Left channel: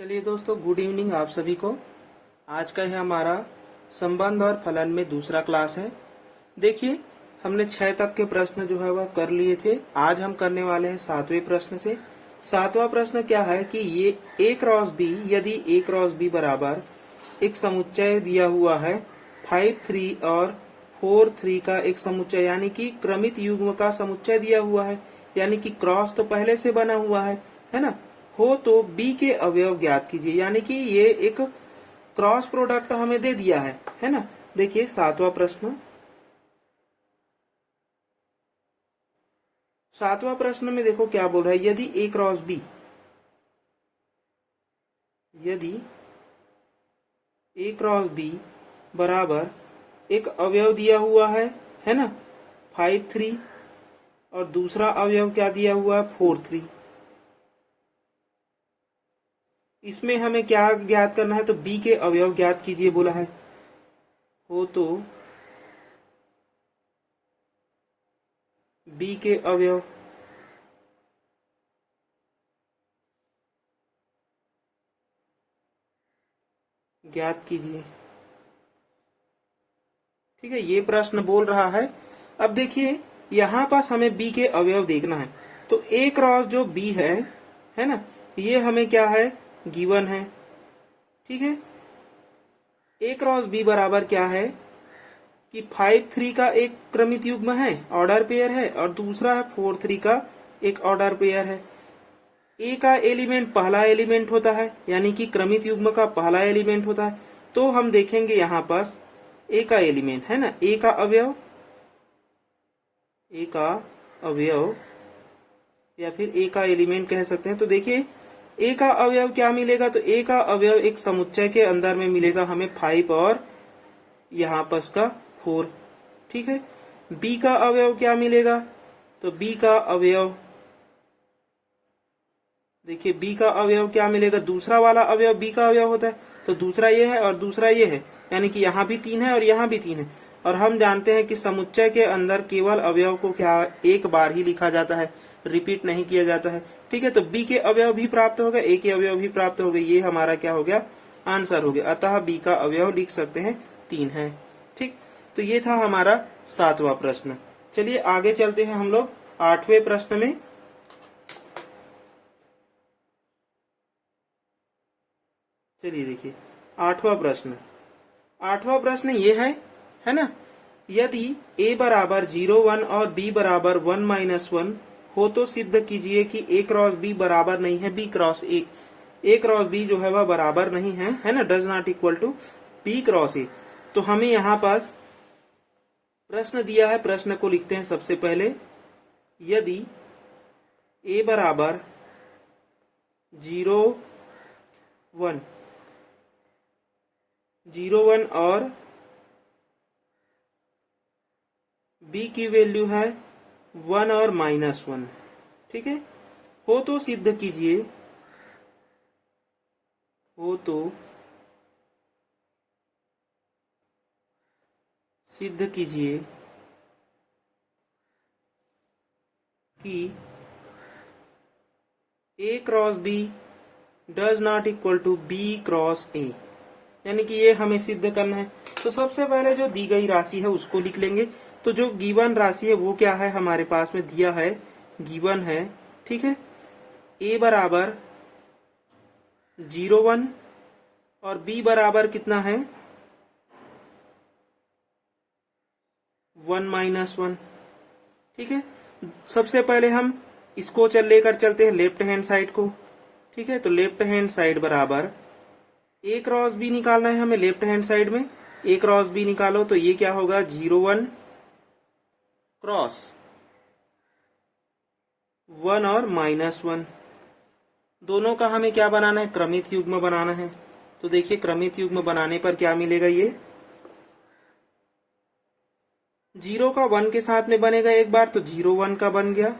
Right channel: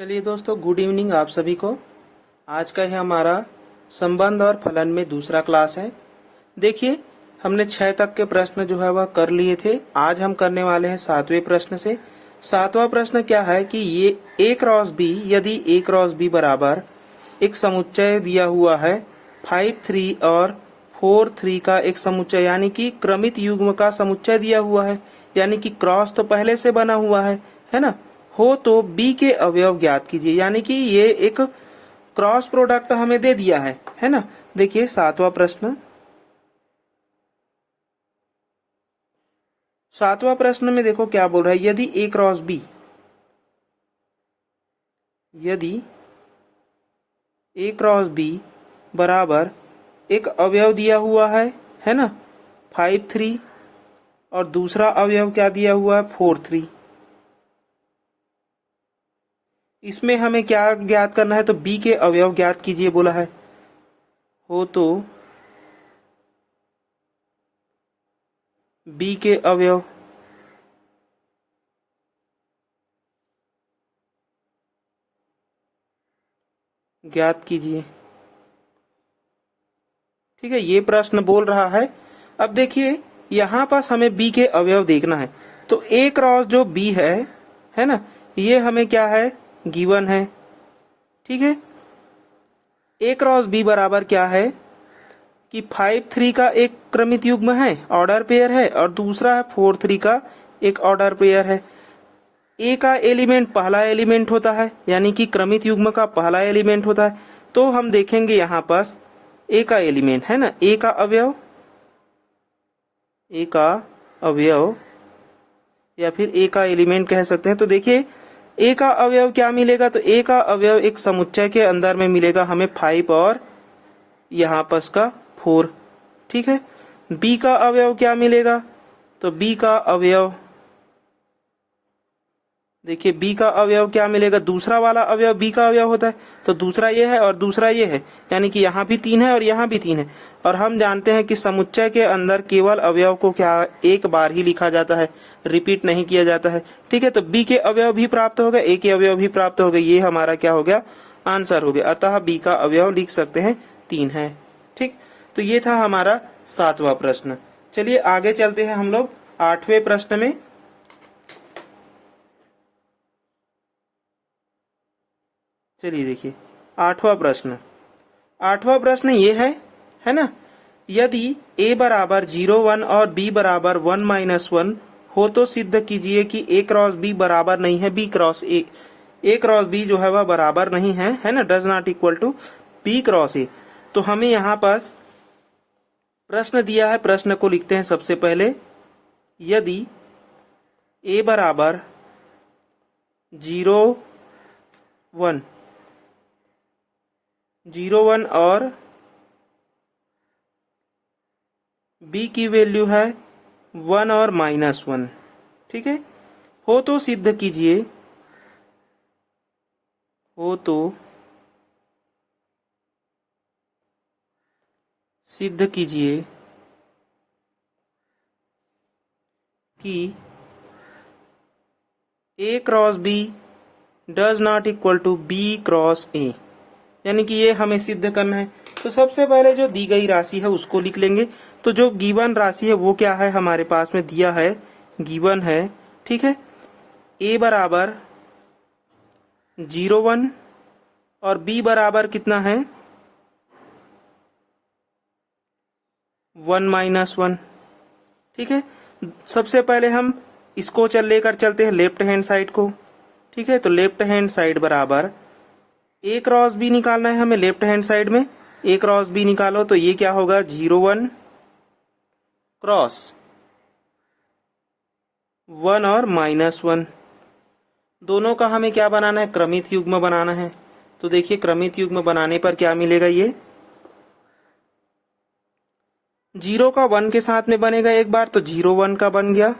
चलिए दोस्तों, good evening आप सभी को। आज का ही हमारा संबंध और फलन में दूसरा क्लास है। देखिए, हमने 6 तक के प्रश्न जो है वह कर लिए थे। आज हम करने वाले हैं 7वें प्रश्न से। 7वां प्रश्न क्या है कि ये A क्रॉस B, यदि A क्रॉस B बराबर एक समुच्चय दिया हुआ है 5 3 और 4 3 का एक समुच्चय, यानी कि क्रमित युग्म का समुच्चय दिया हुआ है, यानी कि क्रॉस तो पहले से बना हुआ है ना। हो तो B के अवयव ज्ञात कीजिए, यानी कि ये एक क्रॉस प्रोडक्ट हमें दे दिया है ना। देखिए 7वां प्रश्न। 7वां प्रश्न में देखो क्या बोल रहा है। यदि A क्रॉस B, यदि A क्रॉस B बराबर एक अवयव दिया हुआ है ना 5 3, और दूसरा अवयव क्या दिया हुआ है 4 3। इसमें हमें क्या ज्ञात करना है, तो B के अवयव ज्ञात कीजिए बोला है। हो तो B के अवयव ज्ञात कीजिए। ठीक है, ये प्रश्न बोल रहा है। अब देखिए यहां पास हमें B के अवयव देखना है, तो A क्रॉस जो B है ना, ये हमें क्या है गिवन है। ठीक है, A क्रॉस B बराबर क्या है कि 5 3 का एक क्रमित युग्म है, ऑर्डर पेयर है, और दूसरा 4 3 का एक ऑर्डर पेयर है। A का एलिमेंट पहला एलिमेंट होता है, यानी कि क्रमित युग्म का पहला एलिमेंट होता है। तो हम देखेंगे यहाँ पास A का एलिमेंट है ना, A का अवयव, A का अवयव या फिर A का एलिमेंट कह सकते हैं। तो देखिए A का अवयव क्या मिलेगा, तो A का अवयव एक समुच्चय के अंदर में मिलेगा हमें 5 और यहाँ पास का 4। ठीक है, B का अवयव क्या मिलेगा, तो B का अवयव देखिए B का अवयव क्या मिलेगा, दूसरा वाला अवयव B का अवयव होता है, तो दूसरा ये है और दूसरा ये है, यानी कि यहाँ भी 3 है और यहाँ भी 3 है। और हम जानते हैं कि समुच्चय के अंदर केवल अवयव को क्या एक बार ही लिखा जाता है, रिपीट नहीं किया जाता है। ठीक है, तो B के अवयव भी प्राप्त हो गए, A के अवयव भी प्राप्त हो गए। ये हमारा क्या हो गया, आंसर हो गया। अतः B का अवयव लिख सकते हैं 3 है। ठीक, तो ये था हमारा 7वां प्रश्न। चलिए आगे चलते हैं हम लोग 8वें प्रश्न में। चलिए देखिए 8वां प्रश्न। 8वां प्रश्न ये है ना, यदि A बराबर 0 1 और B बराबर 1 -1 हो तो सिद्ध कीजिए कि A क्रॉस B बराबर नहीं है B cross A। A cross B जो है वह बराबर नहीं है ना, does not equal to B cross A। तो हमें यहाँ पास प्रश्न दिया है, प्रश्न को लिखते हैं सबसे पहले। यदि A बराबर 0 1 और B की वैल्यू है 1 और -1। ठीक है, हो तो सिद्ध कीजिए, हो तो सिद्ध कीजिए कि A cross B does not equal to B cross A, यानी कि ये हमें सिद्ध करना है। तो सबसे पहले जो दी गई राशि है उसको लिख लेंगे। तो जो गिवन राशि है वो क्या है, हमारे पास में दिया है, गिवन है। ठीक है, A बराबर 0 1 और B बराबर कितना है 1 -1। ठीक है, सबसे पहले हम इसको लेकर चलते हैं लेफ्ट हैंड साइड को। ठीक है, तो लेफ्ट हैंड साइड बराबर A क्रॉस B निकालना है हमें लेफ्ट हैंड साइड में। A क्रॉस B निकालो तो ये क्या होगा 0 1 क्रॉस 1 और -1। दोनों का हमें क्या बनाना है, क्रमित युग्म बनाना है। तो देखिए क्रमित युग्म बनाने पर क्या मिलेगा, ये 0 का 1 के साथ में बनेगा एक बार, तो 0 1 का बन गया।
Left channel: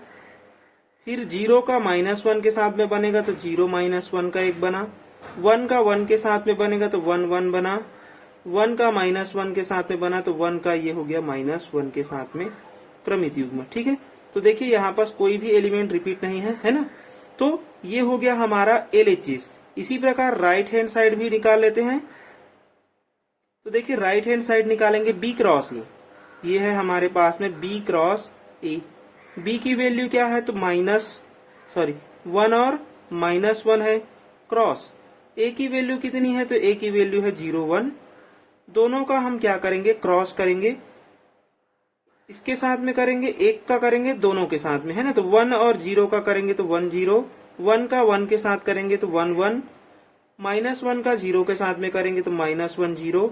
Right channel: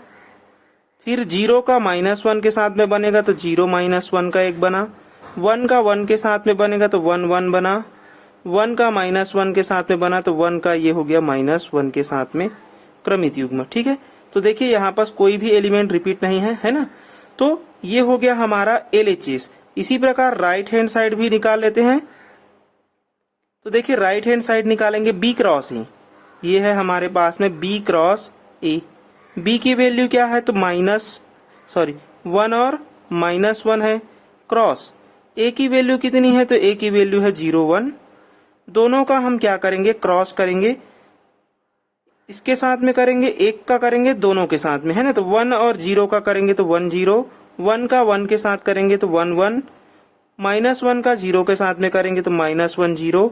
फिर 0 का -1 के साथ में बनेगा तो 0 -1 का एक बना। 1 का 1 के साथ में बनेगा तो 1 1 बना। 1 का -1 के साथ में बना तो 1 का ये हो गया -1 के साथ में क्रमित युग्म। ठीक है, तो देखिए यहाँ पास कोई भी एलिमेंट रिपीट नहीं है ना। तो ये हो गया हमारा LHS, इसी प्रकार राइट हैंड साइड भी निकाल लेते हैं। तो देखिए राइट हैंड साइड निकालेंगे बी क्रॉस ए, ये है हमारे पास में बी क्रॉस ए। बी की वैल्यू क्या है तो वन और -1 है। क्रॉस ए की वैल्यू कितनी है तो ए की वैल्यू है 0 1। दोनों का हम क्या करेंगे क्रॉस करेंगे, इसके साथ में करेंगे, एक का करेंगे दोनों के साथ में, है ना। तो 1 और 0 का करेंगे तो 1 0, 1 का 1 के साथ करेंगे तो 1 1, -1 का 0 के साथ में करेंगे तो -1 0,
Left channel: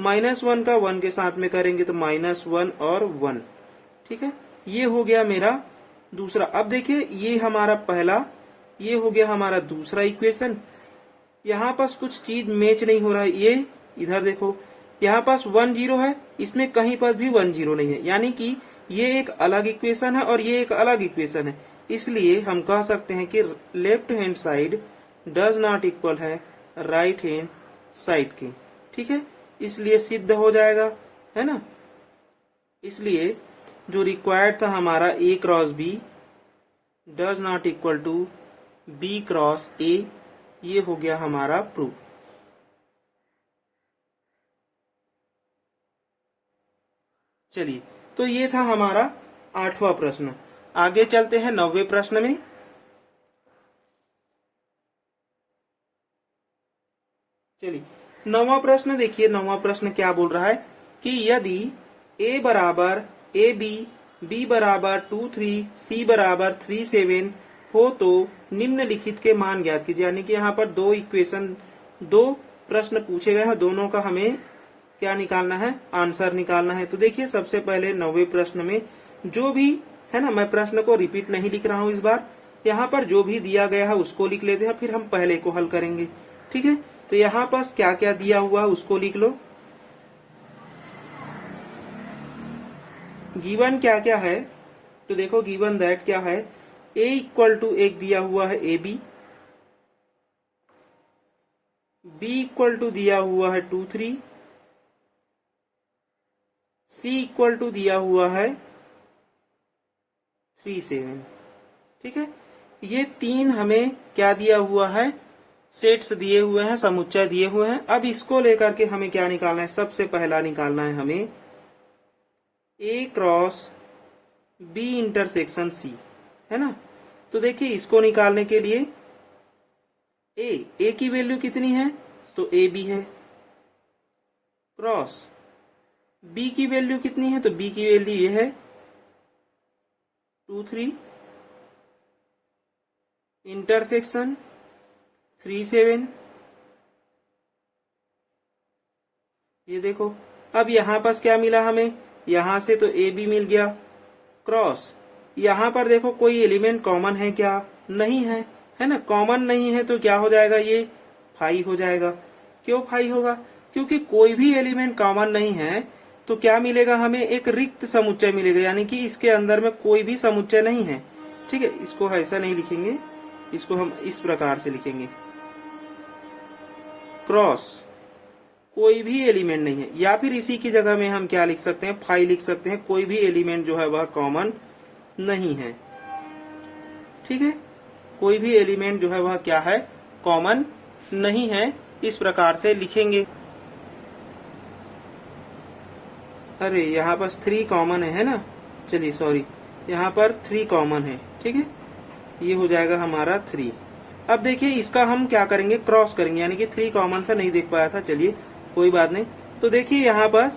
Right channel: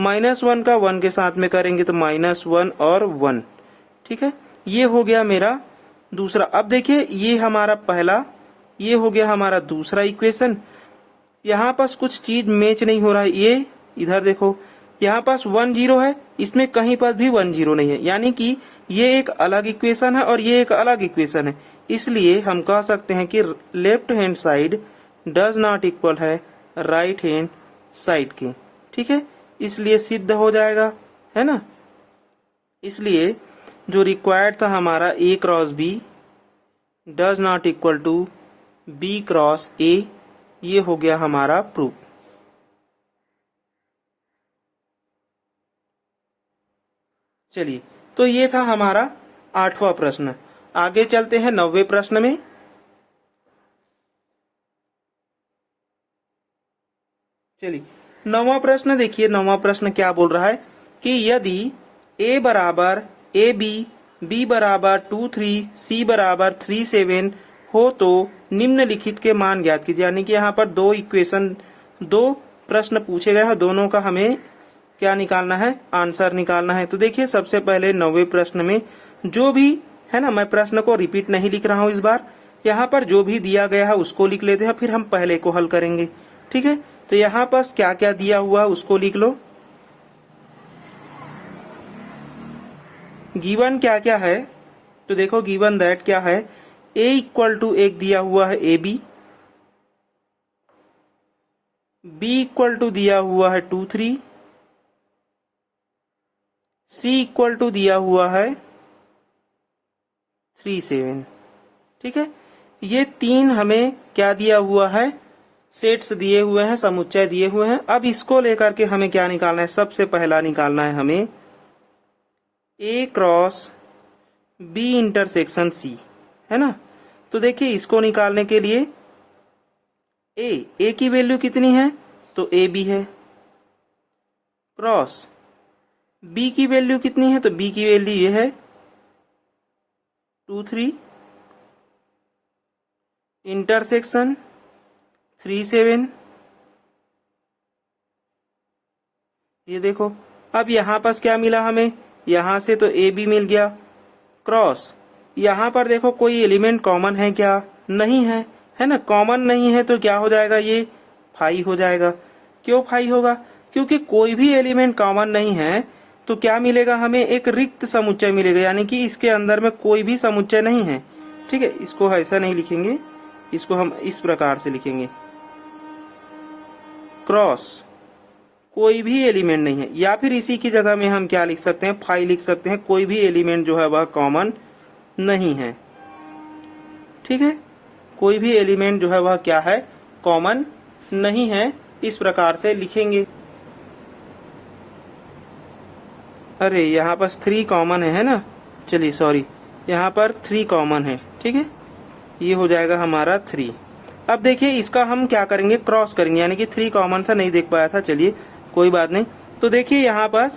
-1 का 1 के साथ में करेंगे तो -1 और 1। ठीक है, ये हो गया मेरा दूसरा। अब देखिए ये हमारा पहला, ये हो गया हमारा दूसरा इक्वेशन। यहाँ पास कुछ चीज मैच नहीं हो रहा है, ये इधर देखो यहाँ पास 1 0 है, इसमें कहीं पर भी 1 0 नहीं है, यानी कि ये एक अलग इक्वेशन है और ये एक अलग इक्वेशन है। इसलिए हम कह सकते हैं कि left hand side does not equal है राइट हैंड साइड के। ठीक है, इसलिए सिद्ध हो जाएगा, है ना। इसलिए जो रिक्वायर्ड था हमारा A cross B does not equal to B cross A, ये हो गया हमारा प्रूफ। चलिए, तो ये था हमारा 8वां प्रश्न। आगे चलते हैं 9वें प्रश्न में। चलिए 9वां प्रश्न देखिए, 9वां प्रश्न क्या बोल रहा है कि यदि a बराबर ए बी बराबर 2 3, सी बराबर 3 7 हो तो निम्नलिखित के मान ज्ञात कीजिए। यानी कि यहाँ पर दो प्रश्न पूछे गए हैं, दोनों का हमें क्या निकालना है, आंसर निकालना है। तो देखिए सबसे पहले 9वें प्रश्न में जो भी है ना, मैं प्रश्न को रिपीट नहीं लिख रहा हूं इस बार, यहाँ पर जो भी दिया गया है उसको लिख लेते हैं, फिर हम पहले को हल करेंगे। ठीक है, तो यहाँ पास क्या क्या दिया हुआ उसको लिख लो। गिवन क्या क्या है तो देखो गिवन दैट क्या है, a इक्वल टू एक दिया हुआ है A B, B equal to दिया हुआ है 2 3, सी इक्वल टू दिया हुआ है 3 7। ठीक है, ये तीन हमें क्या दिया हुआ है, सेट्स दिए हुए हैं, समुच्चय दिए हुए हैं। अब इसको लेकर के हमें क्या निकालना है, सबसे पहला निकालना है हमें ए क्रॉस बी इंटरसेक्शन सी, है ना। तो देखिए इसको निकालने के लिए ए की वैल्यू कितनी है तो ए बी है, क्रॉस बी की वैल्यू कितनी है तो बी की वैल्यू ये है 2 3, इंटरसेक्शन 3 7। ये देखो अब यहां पास क्या मिला हमें, यहां से तो ए बी मिल गया, क्रॉस यहां पर देखो कोई एलिमेंट कॉमन है क्या, नहीं है, है ना। कॉमन नहीं है तो क्या हो जाएगा, ये फाई हो जाएगा। क्यों फाई होगा, क्योंकि कोई भी एलिमेंट कॉमन नहीं है तो क्या मिलेगा हमें, एक रिक्त समुच्चय मिलेगा, यानी कि इसके अंदर में कोई भी समुच्चय नहीं है। ठीक है, इसको ऐसा नहीं लिखेंगे, इसको हम इस प्रकार से लिखेंगे, क्रॉस कोई भी एलिमेंट नहीं है, या फिर इसी की जगह में हम क्या लिख सकते हैं, फाई लिख सकते हैं, कोई भी एलिमेंट जो है वह कॉमन नहीं है। ठीक है, कोई भी एलिमेंट जो है वह क्या है, कॉमन नहीं है, इस प्रकार से लिखेंगे। अरे यहाँ पर 3 कॉमन है ना, चलिए सॉरी, यहाँ पर 3 कॉमन है। ठीक है, ये हो जाएगा हमारा 3। अब देखिए इसका हम क्या करेंगे, क्रॉस करेंगे, यानी कि 3 कॉमन था, नहीं देख पाया था, चलिए कोई बात नहीं। तो देखिए यहाँ पर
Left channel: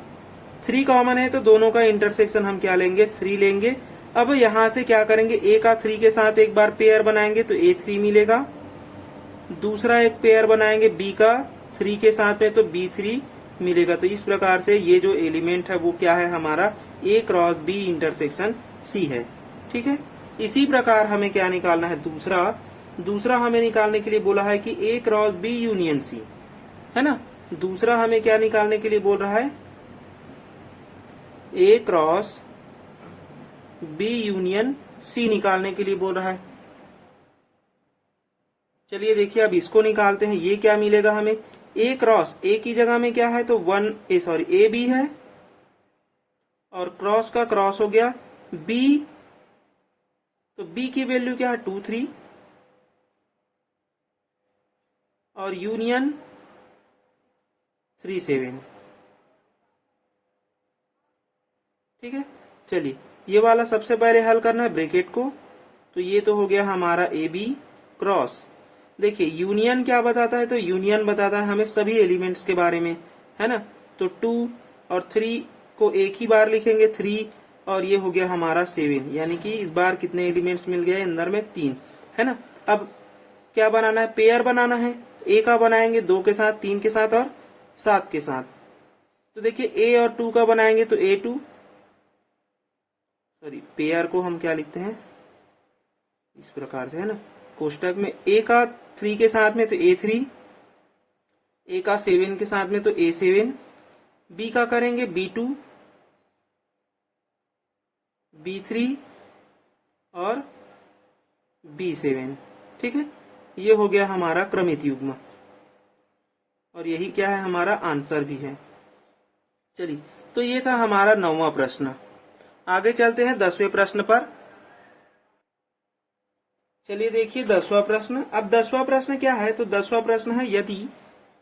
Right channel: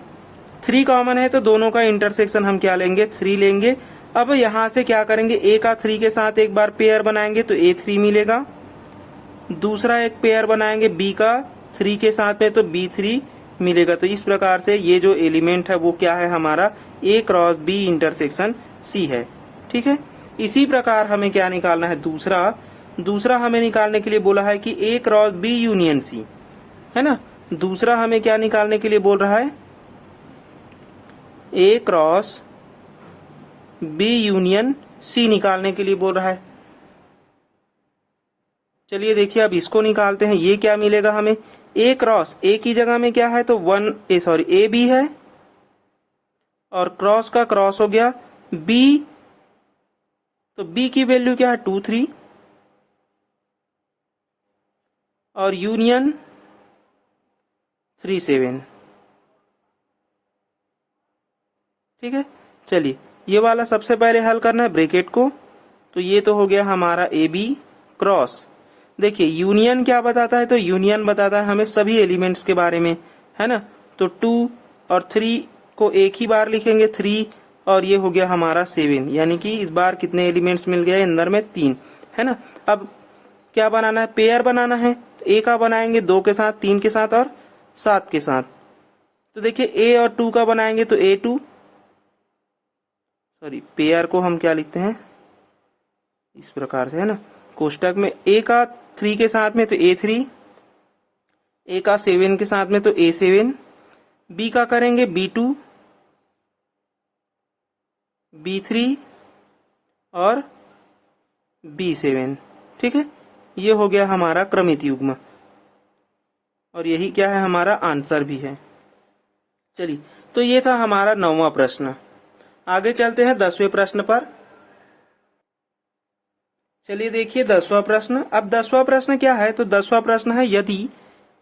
3 कॉमन है तो दोनों का इंटरसेक्शन हम क्या लेंगे, 3 लेंगे। अब यहाँ से क्या करेंगे, ए का 3 के साथ एक बार पेयर बनाएंगे तो A3 मिलेगा, दूसरा एक पेयर बनाएंगे बी का 3 के साथ में तो B3 मिलेगा। तो इस प्रकार से ये जो एलिमेंट है वो क्या है हमारा, ए क्रॉस बी इंटरसेक्शन सी है। ठीक है, इसी प्रकार हमें क्या निकालना है, दूसरा हमें निकालने के लिए बोला है कि ए क्रॉस बी यूनियन सी, है ना। दूसरा हमें क्या निकालने के लिए बोल रहा है, ए क्रॉस बी यूनियन सी निकालने के लिए बोल रहा है। चलिए देखिए अब इसको निकालते हैं, ये क्या मिलेगा हमें, ए क्रॉस ए की जगह में क्या है तो ए बी है, और क्रॉस का क्रॉस हो गया बी, तो बी की वैल्यू क्या है 2 3, और यूनियन 3 7। ठीक है, चलिए ये वाला सबसे पहले हल करना है ब्रैकेट को। तो ये तो हो गया हमारा ए बी क्रॉस। देखिए यूनियन क्या बताता है, तो यूनियन बताता है हमें सभी एलिमेंट्स के बारे में, है ना। तो 2 और 3 को एक ही बार लिखेंगे, 3 और ये हो गया हमारा 7, यानी कि इस बार कितने एलिमेंट्स मिल गए अंदर में, 3, है ना। अब क्या बनाना है, पेयर बनाना है। तो ए का बनाएंगे 2 के साथ, 3 के साथ और 7 के साथ। तो देखिए ए और 2 का बनाएंगे तो A2, सॉरी पेयर को हम क्या लिखते हैं इस प्रकार से, है ना। कोष्टक में ए का 3 के साथ में तो A3, ए का 7 के साथ में तो A7, बी का करेंगे B2, B3 और B7। ठीक है, ये हो गया हमारा क्रमित युग्म और यही क्या है हमारा आंसर भी है। चलिए तो ये था हमारा 9वां प्रश्न। आगे चलते हैं 10वें प्रश्न पर। चलिए देखिए 10वां प्रश्न। अब 10वां प्रश्न क्या है, तो 10वां प्रश्न है यदि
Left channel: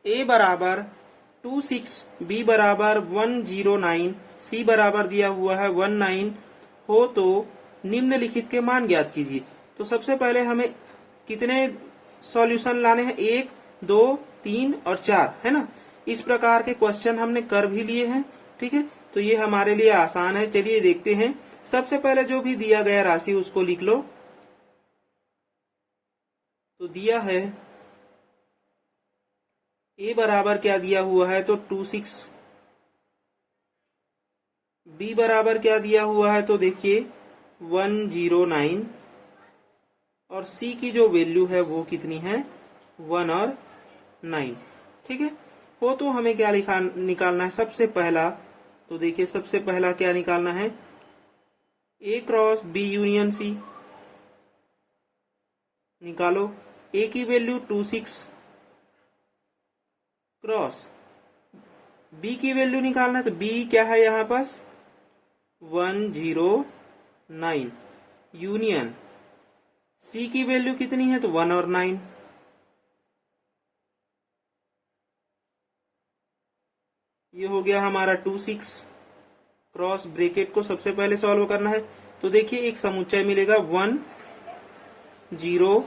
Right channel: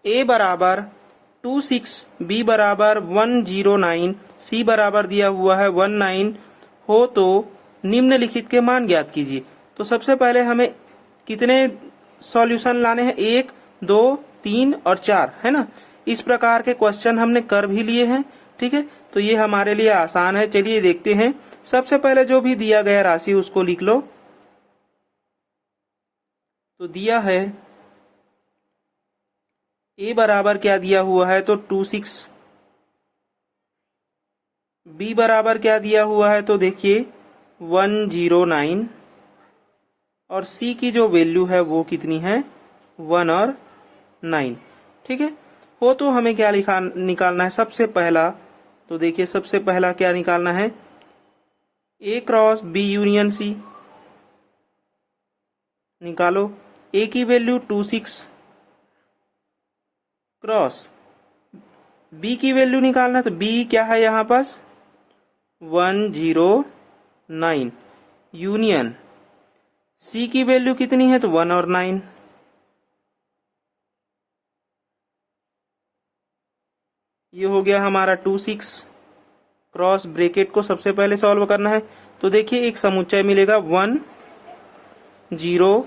a बराबर 26, b बराबर 109, c बराबर दिया हुआ है 19 हो तो निम्नलिखित के मान ज्ञात कीजिए। तो सबसे पहले हमें कितने सॉल्यूशन लाने हैं, 1 2 3 और 4, है ना। इस प्रकार के क्वेश्चन हमने कर भी लिए हैं। ठीक है, तो ये हमारे लिए आसान है। चलिए देखते हैं। सबसे पहले जो भी दिया गया राशि उसको लिख लो। तो दिया है a बराबर क्या दिया हुआ है, तो 26, b बराबर क्या दिया हुआ है, तो देखिए 109 और c की जो वैल्यू है वो कितनी है, 1 और 9। ठीक है, हो तो हमें क्या निकालना है सबसे पहला। तो देखिए सबसे पहला क्या निकालना है, a cross b union c। निकालो, a की वैल्यू 26 क्रॉस b की वैल्यू निकालना, तो b क्या है यहाँ पास 109 यूनियन c की वैल्यू कितनी है, तो 1 और 9। ये हो गया हमारा 26 क्रॉस ब्रैकेट को सबसे पहले सॉल्व करना है। तो देखिए एक समुच्चय मिलेगा 109,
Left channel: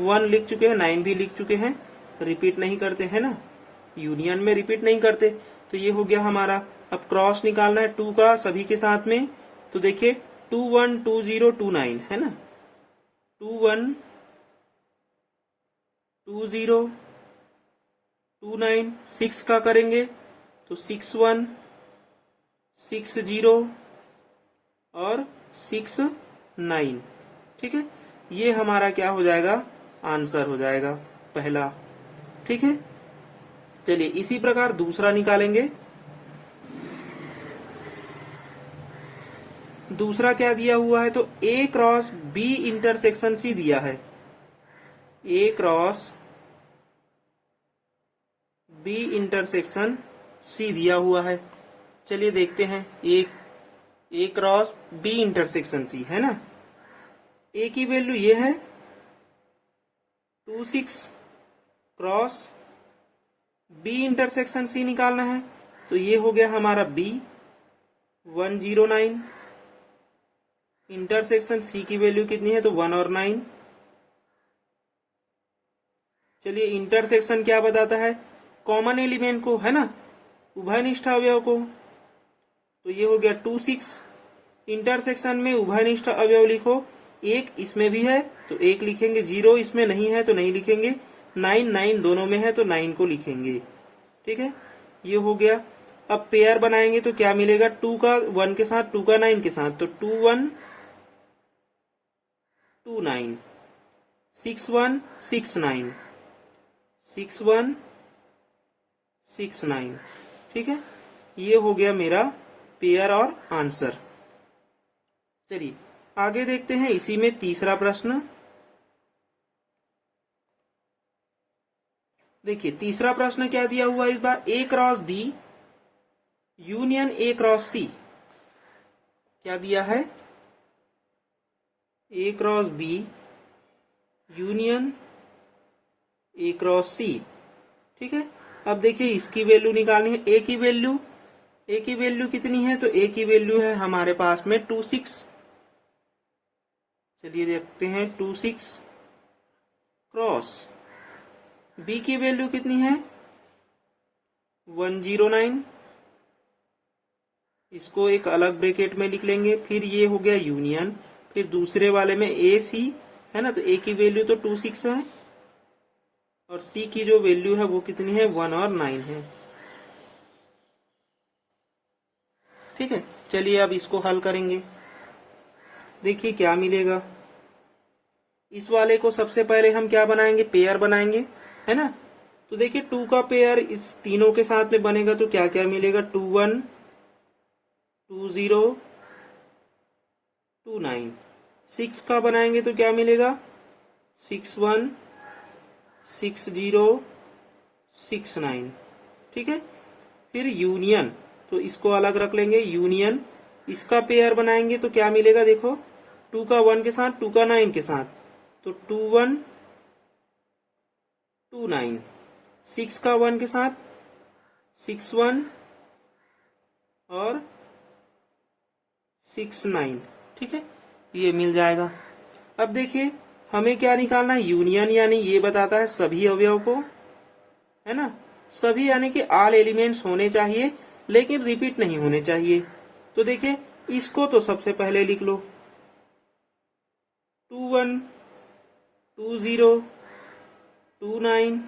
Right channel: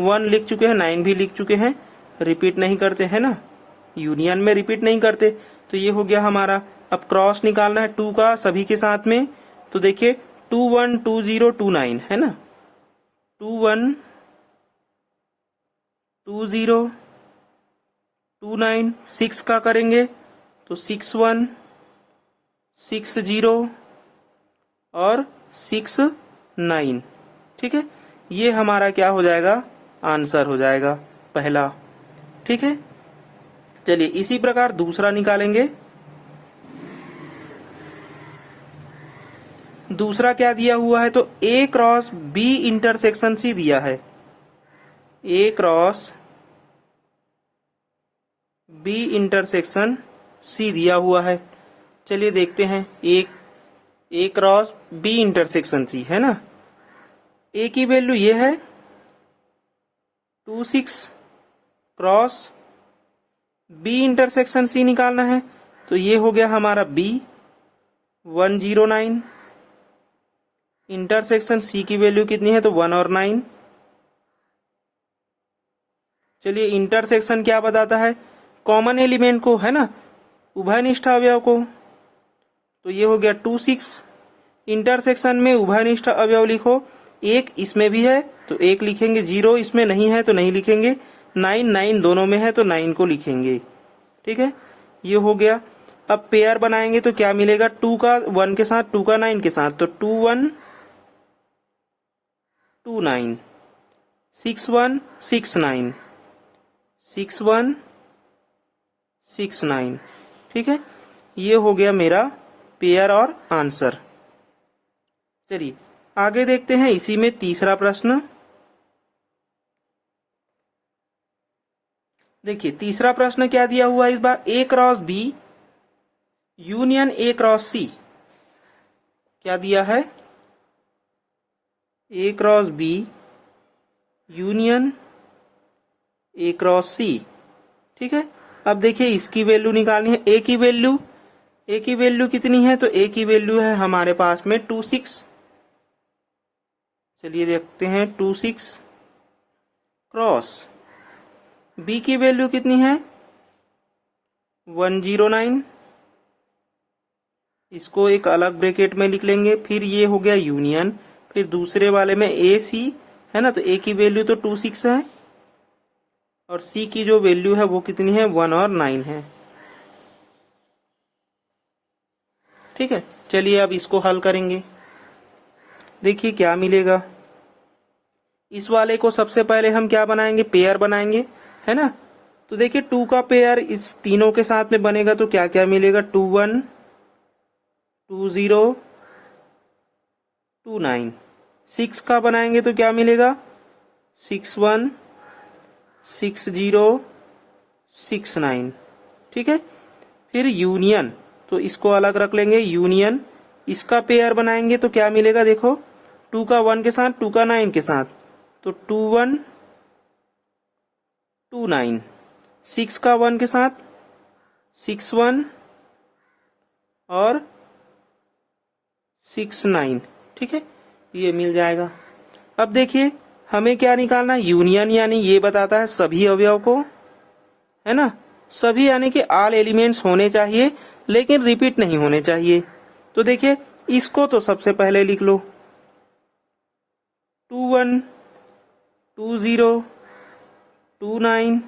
1 लिख चुके हैं, 9 भी लिख चुके हैं, रिपीट नहीं करते हैं ना, यूनियन में रिपीट नहीं करते। तो ये हो गया हमारा। अब क्रॉस निकालना है 2 का सभी के साथ में। तो देखिए 212029 है ना, 212029। 6 का करेंगे तो 6160 और 69। ठीक है, ये हमारा क्या हो जाएगा, आंसर हो जाएगा पहला। ठीक है, चलिए इसी प्रकार दूसरा निकालेंगे। दूसरा क्या दिया हुआ है, तो a cross b intersection c दिया है, a cross b intersection c दिया हुआ है। चलिए देखते हैं, a cross b intersection c है ना। a की वैल्यू ये है 26 क्रॉस b इंटरसेक्शन c निकालना है। तो ये हो गया हमारा b 109 इंटरसेक्शन c की वैल्यू कितनी है, तो 1 और 9। चलिए इंटरसेक्शन क्या बताता है, कॉमन एलिमेंट को, है ना, उभयनिष्ठ अवयव को। तो ये हो गया 26 इंटरसेक्शन में उभयनिष्ठ अवयव लिखो, एक इसमें भी है तो एक लिखेंगे, 0 इसमें नहीं है तो नहीं लिखेंगे, 9 दोनों में है तो 9 को लिखेंगे। ठीक है, ये हो गया। अब पेयर बनाएंगे तो क्या मिलेगा, 2 का 1 के साथ, 2 का 9 के साथ, तो 2129 6169 6169। ठीक है, ये हो गया मेरा पेयर और आंसर। चलिए आगे देखते हैं इसी में तीसरा प्रश्न। देखिए तीसरा प्रश्न क्या दिया हुआ है इस बार, a cross b union a cross c। क्या दिया है, a cross b union A cross C. ठीक है, अब देखिए इसकी वैल्यू निकालनी है। ए की वैल्यू कितनी है? तो ए की वैल्यू है हमारे पास में 26। चलिए देखते हैं 26 क्रॉस बी की वैल्यू कितनी है? 109। इसको एक अलग ब्रैकेट में लिख लेंगे। फिर ये हो गया यूनियन, फिर दूसरे वाले में ए सी है ना, तो ए की वैल्यू तो 26 है और सी की जो वैल्यू है वो कितनी है? 1 और 9 है। ठीक है, चलिए अब इसको हल करेंगे। देखिए क्या मिलेगा। इस वाले को सबसे पहले हम क्या बनाएंगे? पेयर बनाएंगे, है ना। तो देखिए 2 का पेयर इस तीनों के साथ में बनेगा तो क्या क्या मिलेगा? 21, 20, 29। 6 का बनाएंगे तो क्या मिलेगा? 61, 60, 69। ठीक है, फिर यूनियन, तो इसको अलग रख लेंगे। यूनियन, इसका पेयर बनाएंगे तो क्या मिलेगा? देखो 2 का 1 के साथ, 2 का 9 के साथ, तो 21, 29। 6 का 1 के साथ 61 और 69। ठीक है, ये मिल जाएगा। अब देखिए हमें क्या निकालना है? यूनियन, यानी ये बताता है सभी अवयव को, है ना। सभी यानी कि ऑल एलिमेंट्स होने चाहिए लेकिन रिपीट नहीं होने चाहिए। तो देखिए इसको तो सबसे पहले लिख लो। 21, 20, 29,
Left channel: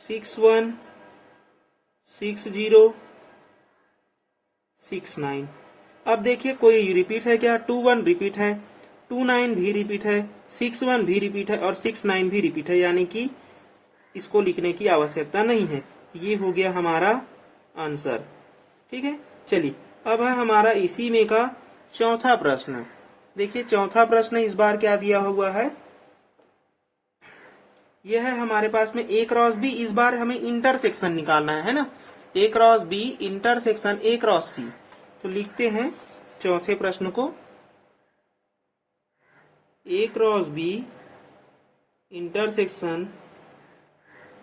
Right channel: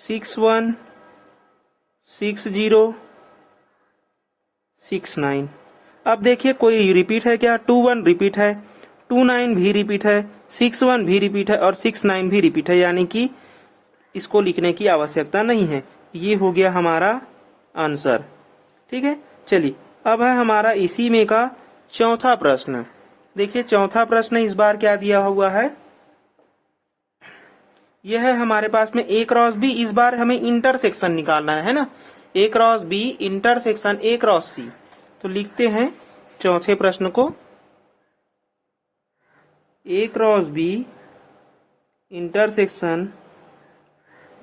61, 60, 69। अब देखिए कोई रिपीट है क्या? 21 रिपीट है, 29 भी रिपीट है, 61 भी रिपीट है और 69 भी रिपीट है, यानी कि इसको लिखने की आवश्यकता नहीं है। ये हो गया हमारा आंसर। ठीक है, चलिए अब है हमारा इसी में का चौथा प्रश्न। देखिए चौथा प्रश्न इस बार क्या दिया हुआ है? यह है हमारे पास में ए क्रॉस बी। इस बार हमें इंटरसेक्शन निकालना है ना। A cross B intersection A cross C. तो लिखते हैं चौथे प्रश्न को। A cross B intersection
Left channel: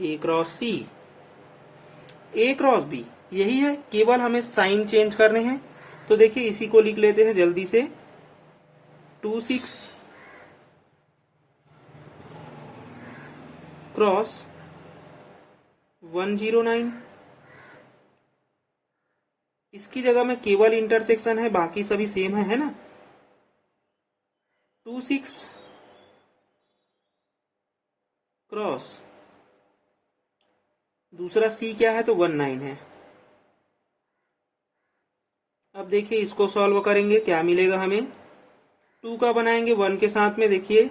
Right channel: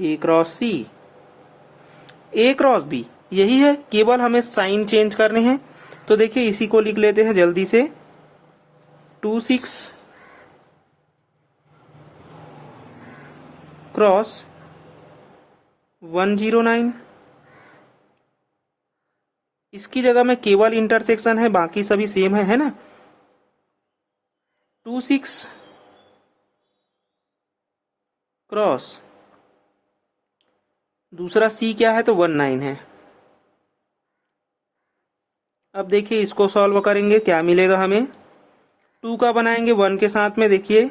A cross C. A cross B यही है, केवल हमें साइन चेंज करने हैं। तो देखिए इसी को लिख लेते हैं जल्दी से। 26 क्रॉस 109। इसकी जगह में केवल इंटरसेक्शन है, बाकी सभी सेम है ना। 26 क्रॉस दूसरा सी क्या है? तो 19 है। अब देखिए इसको सॉल्व करेंगे, क्या मिलेगा हमें? 2 का बनाएंगे 1 के साथ में। देखिए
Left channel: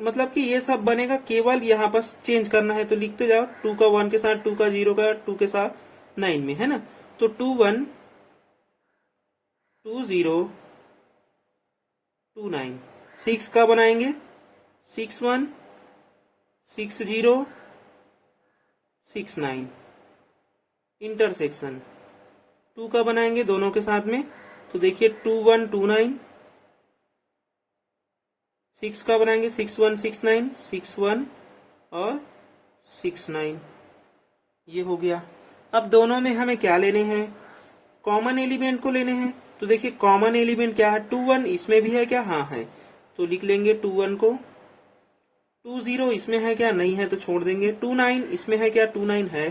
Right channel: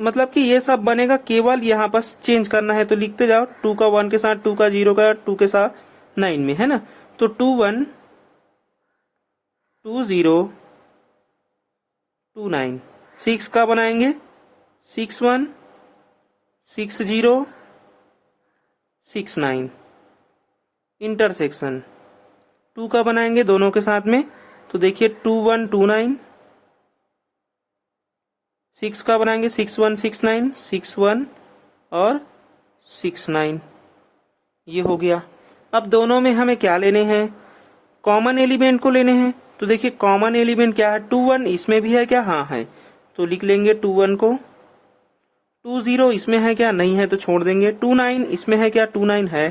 मतलब कि ये सब बनेगा, केवल यहाँ पर चेंज करना है। तो लिखते जाओ 2 का 1 के साथ, 2 का 0 का 2 के साथ 9 में, है ना। तो 21, 20, 29। 6 का बनाएंगे 61, 60, 69। इंटरसेक्शन 2 का बनाएंगे दोनों के साथ में। तो देखिए 21, 29। 6 का बनाएंगे 61, 69, 61 और 69। ये हो गया। अब दोनों में हमें क्या लेने हैं? कॉमन एलिमेंट को लेने हैं। तो देखिए कॉमन एलिमेंट क्या है? 21 इसमें भी है क्या? हाँ है, तो लिख लेंगे 21 को। 20 इसमें है क्या? नहीं है तो छोड़ देंगे। 29 इसमें है क्या? 29 है,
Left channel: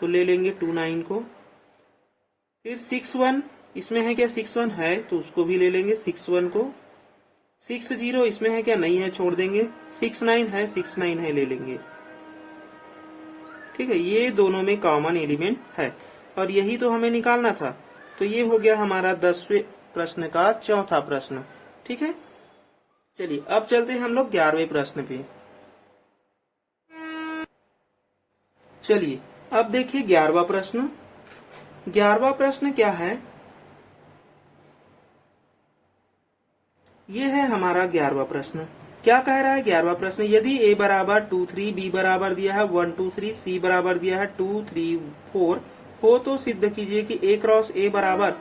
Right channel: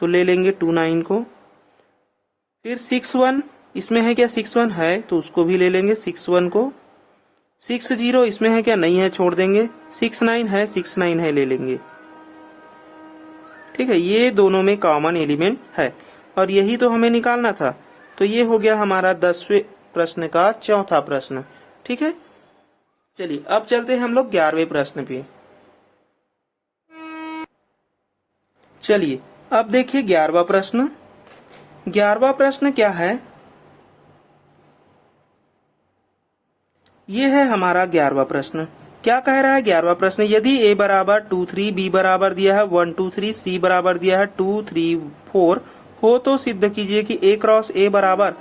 तो ले लेंगे 29 को। फिर 61 इसमें है क्या? 61 है, तो उसको भी ले लेंगे 61 को। 60 इसमें है क्या? नहीं है, छोड़ देंगे। 69 है, 69 है, ले लेंगे। ठीक है, ये दोनों में कॉमन एलिमेंट है और यही तो हमें निकालना था। तो ये हो गया हमारा 10वें प्रश्न का चौथा प्रश्न। ठीक है, चलिए अब चलते हैं हम लोग 11वें प्रश्न पे। चलिए अब देखिए 11वां प्रश्न। 11वां प्रश्न क्या है? ये है हमारा 11वां प्रश्न। क्या कह रहा है 11वां प्रश्न? यदि a बराबर 2, 3, b बराबर दिया है 1, 2, 3, c बराबर दिया है 2, 3, 4 हो तो सिद्ध कीजिए कि a क्रॉस a बराबर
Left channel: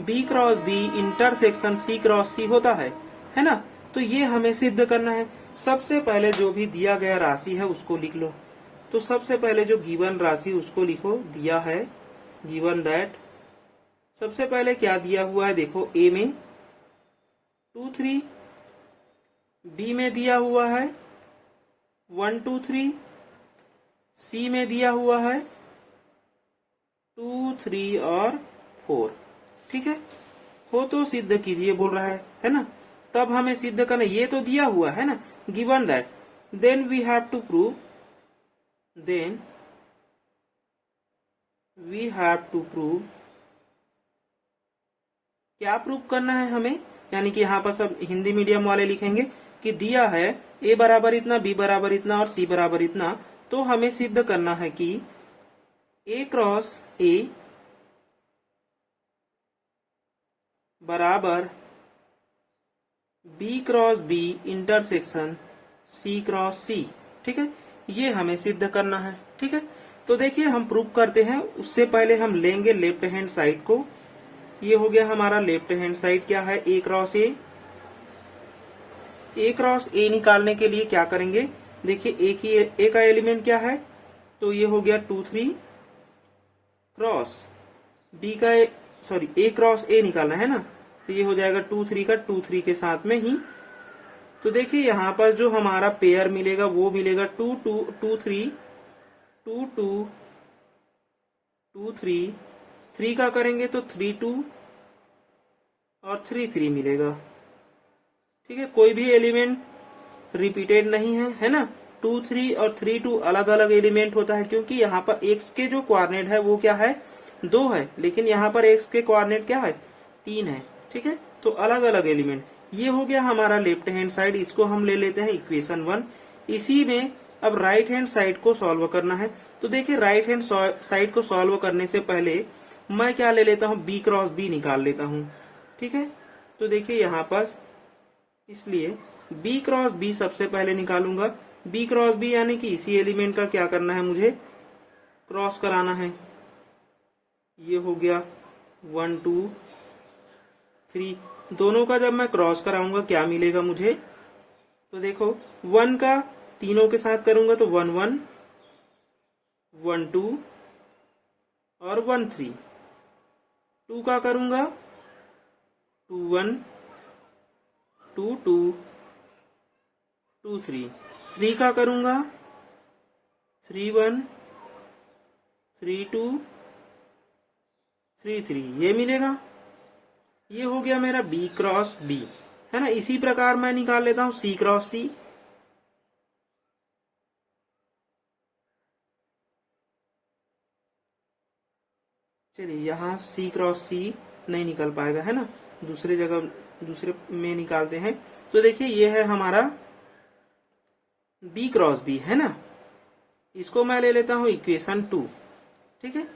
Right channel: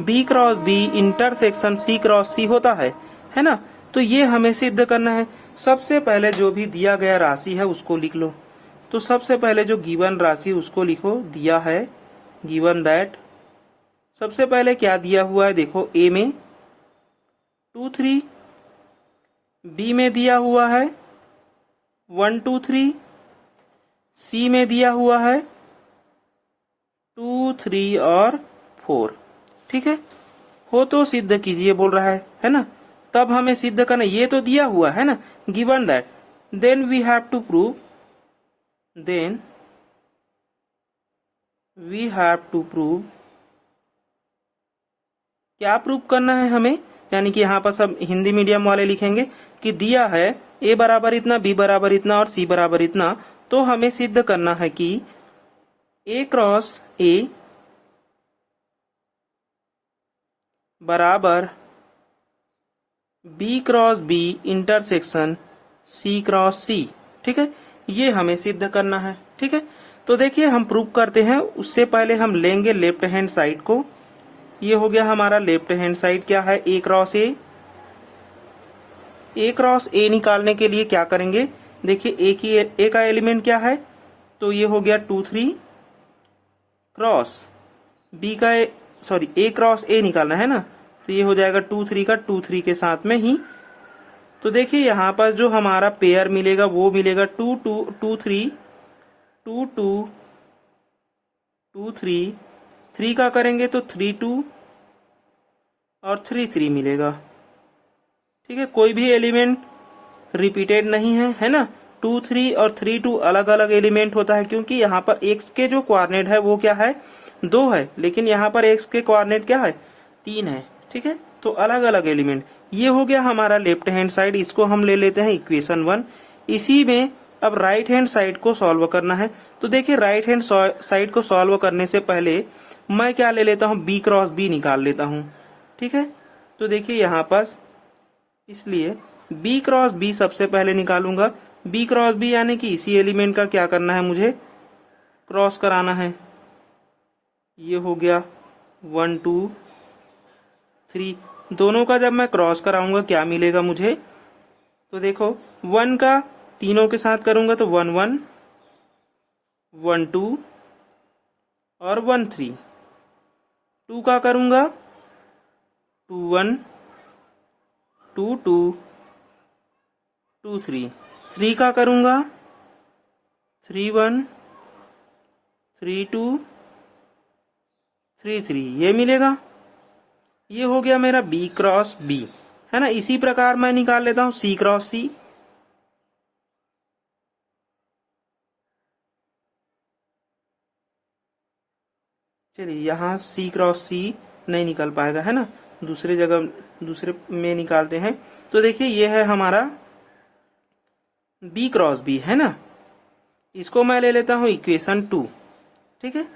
b cross b intersection c cross c होता है ना। तो ये हमें सिद्ध करना है। सबसे पहले जो भी दिया गया राशि है उसको लिख लो। तो सबसे पहले जो गिवन राशि उसको लिखो, दिया है गिवन दैट। सबसे पहले क्या दिया हुआ है देखो, ए में 2 3, बी में दिया हुआ है 1 2 3, सी में दिया हुआ है 2 3 और 4। ठीक है, हो तो सिद्ध कीजिए बोल रहा है ना। तब हमें सिद्ध करना, ये तो दिया हुआ है ना, given that, then we have to prove, then we have to prove, क्या प्रूव करना है हमें, यानी कि यहाँ पर सब हिंदी मीडियम वाले लिखेंगे कि दिया है ए बराबर इतना, बी बराबर इतना और सी बराबर इतना, तो हमें सिद्ध करना है कि ए क्रॉस ए बराबर B cross B intersection C cross C. ठीक है, ये हमें सिद्ध करना है। ठीक है, तो देखिए हम प्रूव करते हैं। उससे पहले हम लेंगे लेफ्ट हैंड साइड को। ये हो गया हमारा लेफ्ट हैंड साइड, क्या है ए क्रॉस ए। ए क्रॉस ए निकालने के लिए क्या करेंगे, देखिए ए का एलिमेंट क्या है, तो ये हो गया 2 3 क्रॉस बी का सॉरी ए क्रॉस ए निकालना है ना, तो ये हो जाएगा 2 3 का 2 3 के साथ में ही। तो देखिए यहाँ पर जो हमारा पेयर मिलेगा वो मिलेगा 2 2 2 3 2 2 2 3, 3 का करेंगे तो 3 2 और 3 3 मिलेगा। ठीक है, कोई भी एलिमेंट रिपीटेड नहीं है ना। 2 3 और 3 2 अलग अलग एलिमेंट होता है, क्योंकि यहाँ पर एक्स के जो कोऑर्डिनेट है वो क्या है 2 है, लेकिन यहाँ पर एक्स के कोऑर्डिनेट क्या है 3 है। ठीक है, तो अलग अलग एलिमेंट। ये हो गया हमारा लेफ्ट हैंड साइड, इसको हम ले लेते हैं इक्वेशन 1। इसी में अब राइट हैंड साइड को सॉल्व करना है। तो देखिए राइट हैंड साइड को सॉल्व करने से पहले मैं क्या ले लेता हूँ, बी क्रॉस बी निकाल लेता हूँ। ठीक है, तो देखिए यहाँ पर इसलिए बी क्रॉस बी सबसे पहले निकालूंगा। बी क्रॉस बी यानी कि इसी एलिमेंट का क्या करना है, मुझे क्रॉस कराना है। ये हो गया 1 2 3, दोनों का जब मैं क्रॉस कराऊंगा क्या मिलेगा मुझे, तो देखो 1 का तीनों के साथ करूंगा तो 1 1 1 2 और 1 3। 2 का करूंगा 2 1 2 2 2 3। 3 का करूंगा 3 1 3 2 3 3, ये मिलेगा। ये हो गया मेरा बी क्रॉस बी, है ना। इसी प्रकार मैं निकाल लेता हूं सी क्रॉस सी। चलिए यहाँ सी क्रॉस सी नहीं निकल पाएगा, है ना, दूसरे जगह दूसरे में निकालते हैं। तो देखिए ये है हमारा बी क्रॉस बी, है ना। इसको मैं ले लेता हूं इक्वेशन 2। ठीक है,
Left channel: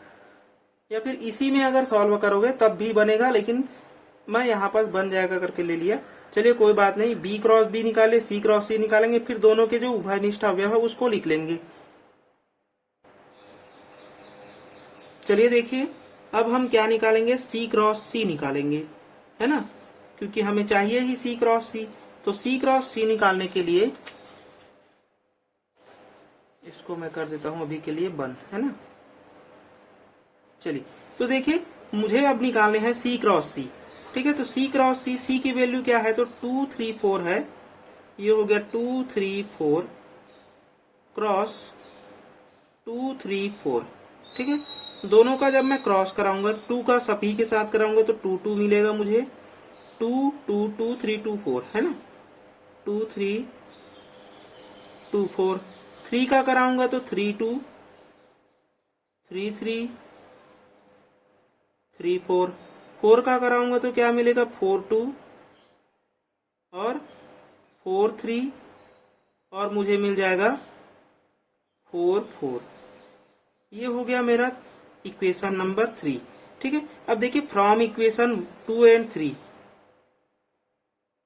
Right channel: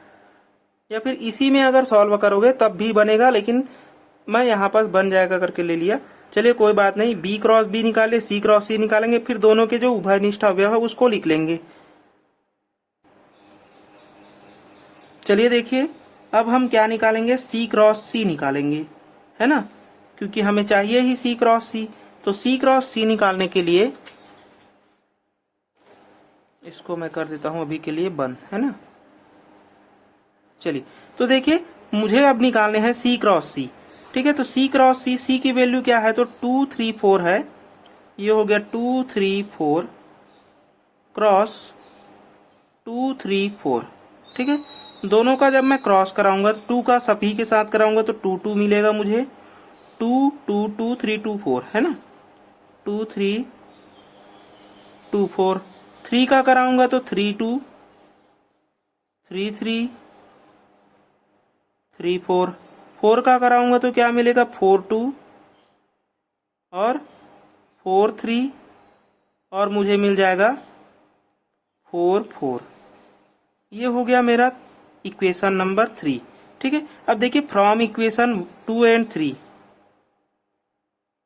या फिर इसी में अगर सॉल्व करोगे तब भी बनेगा, लेकिन मैं यहाँ पर बन जाएगा करके ले लिया। चलिए कोई बात नहीं, बी क्रॉस बी निकाले, सी क्रॉस सी निकालेंगे, फिर दोनों के जो उभयनिष्ठ अवयव है उसको लिख लेंगे। चलिए देखिए अब हम क्या निकालेंगे, सी क्रॉस सी निकालेंगे, है ना, क्योंकि हमें चाहिए ही सी क्रॉस सी। तो सी क्रॉस सी निकालने के लिए इसको मैं कर देता हूं अभी के लिए बंद, है ना। चलिए तो देखिए मुझे अब निकालने हैं सी क्रॉस सी। ठीक है, तो सी क्रॉस सी, सी की वैल्यू क्या है, तो 2 3 4 है। ये हो गया 2 3 4 क्रॉस 2 3 4। ठीक है, दोनों का जब मैं क्रॉस कराऊंगा 2 का सभी के साथ कराऊंगा तो 2 2 मिलेगा मुझे। 2 2 2 3 2 4, है ना, 2 3 2 4। 3 का कराऊंगा तो 3 2 3 3 3 4। 4 का कराऊंगा तो क्या मिलेगा, 4 2 और 4 3 और मुझे मिल जाएगा 4 4। ये हो गया मेरा इक्वेशन नंबर 3। ठीक है, अब देखिए from equation 2 and 3,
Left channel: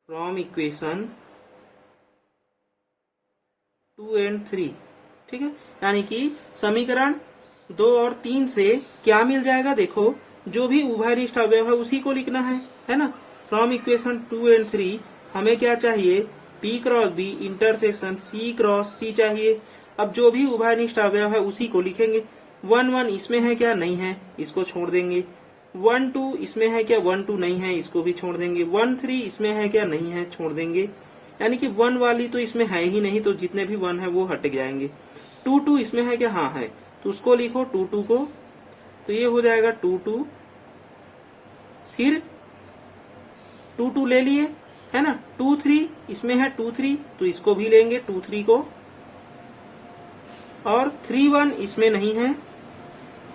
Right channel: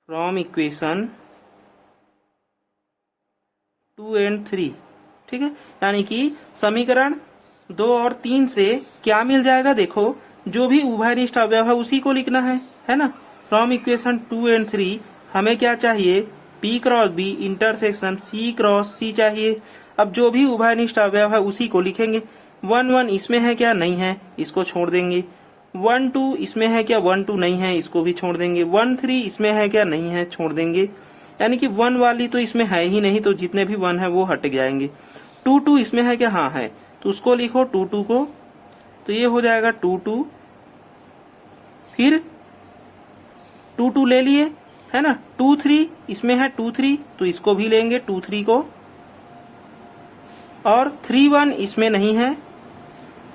from equation 2 and 3। ठीक है, यानी कि समीकरण 2 और 3 से क्या मिल जाएगा, देखो जो भी उभयनिष्ठ अवयव है उसी को लिखना है ना। फ्रॉम इक्वेशन 2 एंड 3 हमें क्या चाहिए, P cross B intersection C cross C चाहिए। अब जो भी उभयनिष्ठ अवयव है उसी को लिखेंगे। 1 1 इसमें है क्या? नहीं है, इसको छोड़ देंगे। 1 2 इसमें है क्या? 1 2 नहीं है, इसको भी छोड़ देंगे। 1 3 इसमें है क्या? नहीं है, छोड़ देंगे। यानी कि 1 वाली तो इसमें है ही नहीं, तो जितने भी 1 है वो हट जाएंगे। 2 2 इसमें है क्या? हाँ है, तो उसको लिखो 2 2 को, तो ये हो जाएगा 2 2। फिर 2 2 ले लिए, है ना। 2 3 इसमें है 2 3, तो इसको भी लेंगे 2 3 को। और 3 1 इसमें नहीं है,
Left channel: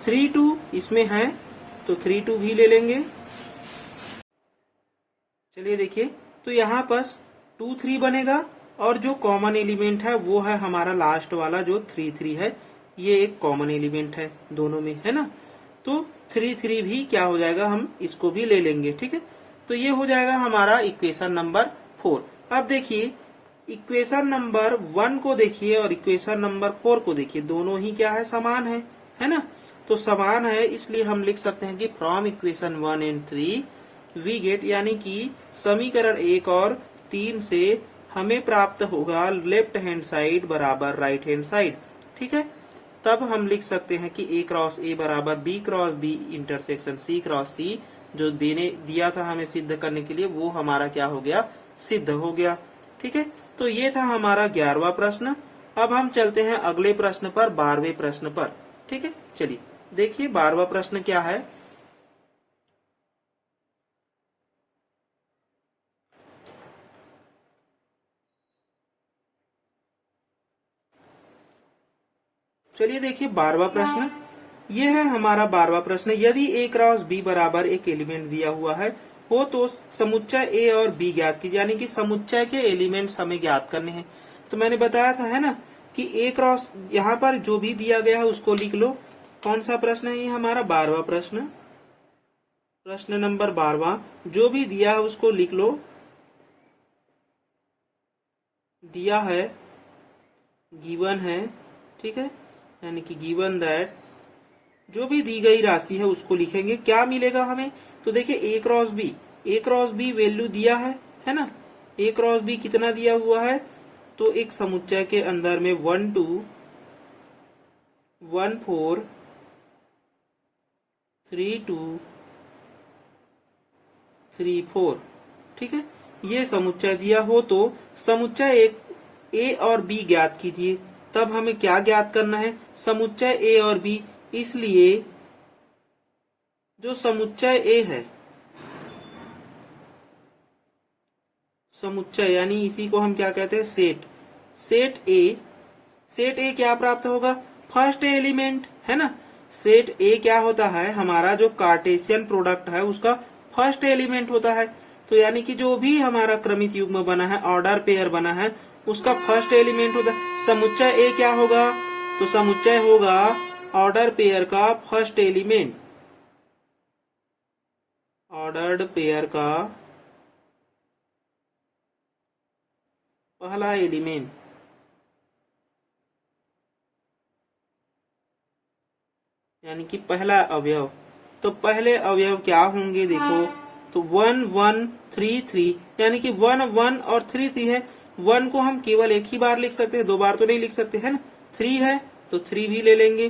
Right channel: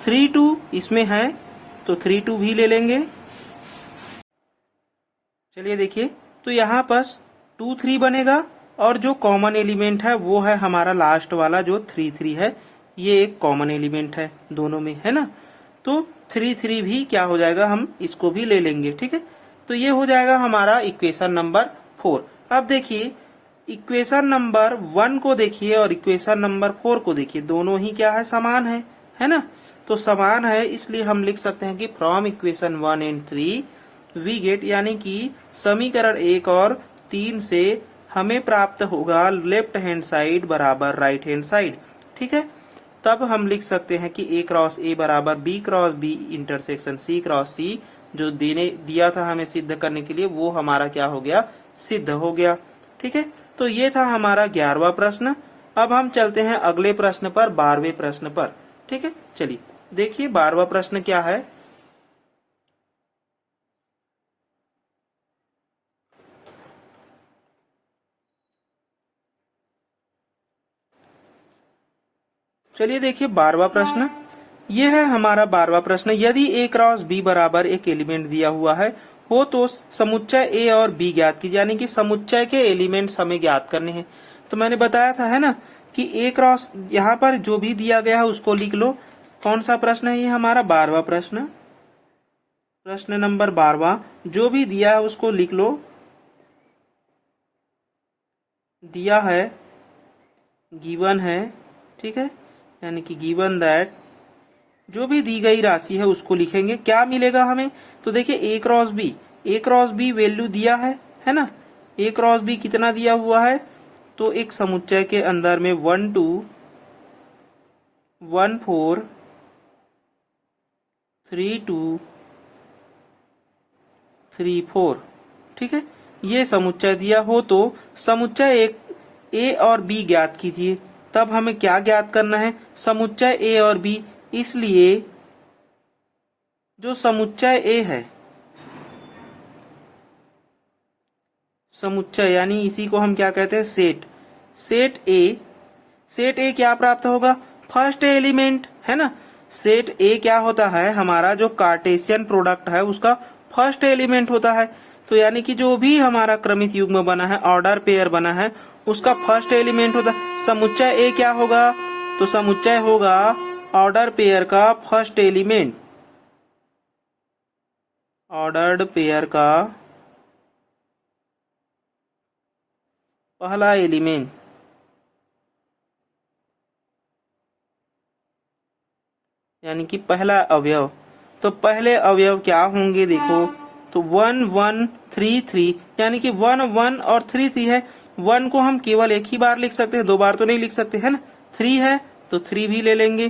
3 2 इसमें है, तो 3 2 भी ले लेंगे। चलिए देखिए, तो यहाँ पास 2 3 बनेगा, और जो कॉमन एलिमेंट है वो है हमारा लास्ट वाला जो 3 3 है। ये एक कॉमन एलिमेंट है दोनों में, है ना। तो 3 3 भी क्या हो जाएगा, हम इसको भी ले लेंगे, ठीक है। तो ये हो जाएगा हमारा इक्वेशन नंबर 4। अब देखिए इक्वेशन नंबर 1 को देखिए और इक्वेशन नंबर 4 को देखिए, दोनों ही क्या है, समान है ना। तो समान है, इसलिए हम लिख सकते हैं कि from equation 1 and 3 we get, यानी कि समीकरण 1 और 3 से हमें प्राप्त होगा लेफ्ट हैंड साइड बराबर राइट हैंड साइड, ठीक है। तब हम लिख सकते हैं कि A क्रॉस A बराबर B cross B intersection C cross C, जो दिया था हमें सिद्ध करने के लिए, वो हमारा क्या हो गया, सिद्ध हो गया, ठीक है। तो ये था हमारा 11वां प्रश्न। अब हम चलते हैं अगले प्रश्न पर, 12वें प्रश्न पर, ठीक है। चलिए देखिए 12वां प्रश्न क्या है। चलिए देखिए 12वां प्रश्न, ये है हमारा 12वां प्रश्न। यदि A क्रॉस B बराबर एक एलिमेंट दिया हुआ है हो तो समुच्चय A और B ज्ञात कीजिए, यानी कि समुच्चय के एलिमेंट्स हमें ज्ञात करने हैं। तो मैंने बताया था, है ना, कि A क्रॉस, यहाँ पर जो भी दिया गया है उसको लिख लो। कौन सा प्रश्न है ये, हमारा 12वां प्रश्न, प्रश्न नंबर 12वां। जो भी दिया है उसको लिख लो। दिया है, गिवन है, ठीक है, यानी कि गिवन दैट, जो भी दी गई राशि है उसको लिखेंगे। क्या मिलेगा हमें, तो देखिए A क्रॉस B वैल्यू दिया है ना। A क्रॉस B कितना दिया हुआ है, तो एक समुच्चय के अंदर में 1 2 1 4 3 2 3 4, ठीक है। ये समुच्चय दिया हो तो समुच्चय एक A और B ज्ञात कीजिए। तब हमें क्या ज्ञात करना है, समुच्चय A और B। इसलिए जो समुच्चय A है, समुच्चय यानी इसी को हम क्या कहते हैं, सेट A क्या प्राप्त होगा, फर्स्ट एलिमेंट, है ना। सेट A क्या होता है, हमारा जो कार्टेशियन प्रोडक्ट है उसका फर्स्ट एलिमेंट होता है। तो यानी कि जो भी हमारा क्रमित युग्म बना है, ऑर्डर पेयर बना है, उसका फर्स्ट एलिमेंट होता है। समुच्चय A क्या होगा, तो समुच्चय होगा ऑर्डर पेयर का फर्स्ट एलिमेंट, ऑर्डर्ड पेयर का पहला एलिमेंट, यानी कि पहला अवयव। तो पहले अवयव क्या होंगे, देखो, तो 1 1 3 3, यानी कि 1 1 और 3 3 है। 1 को हम केवल एक ही बार लिख सकते हैं, 2 बार तो नहीं लिख सकते, है ना। 3 है तो 3 भी ले लेंगे,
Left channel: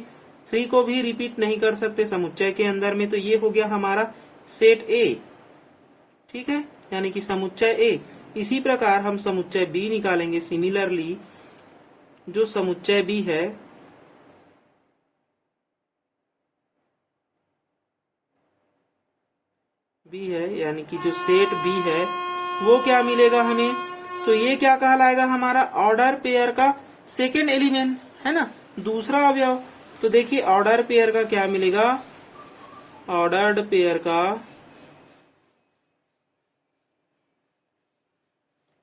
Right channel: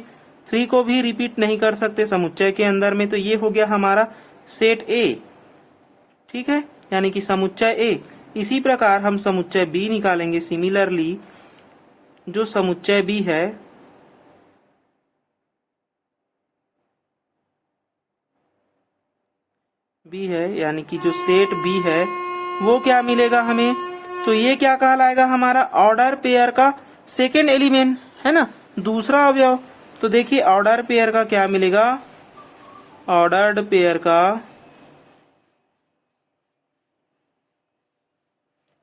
3 को भी रिपीट नहीं कर सकते समुच्चय के अंदर में। तो ये हो गया हमारा सेट A, ठीक है, यानी कि समुच्चय A। इसी प्रकार हम समुच्चय B निकालेंगे। सिमिलरली जो समुच्चय B है, यानी कि जो सेट B है वो क्या मिलेगा हमें, तो ये क्या कहलाएगा, हमारा ऑर्डर पेयर का सेकेंड एलिमेंट, है ना, दूसरा अवयव। तो देखिए ऑर्डर पेयर का क्या मिलेगा, ऑर्डर्ड पेयर का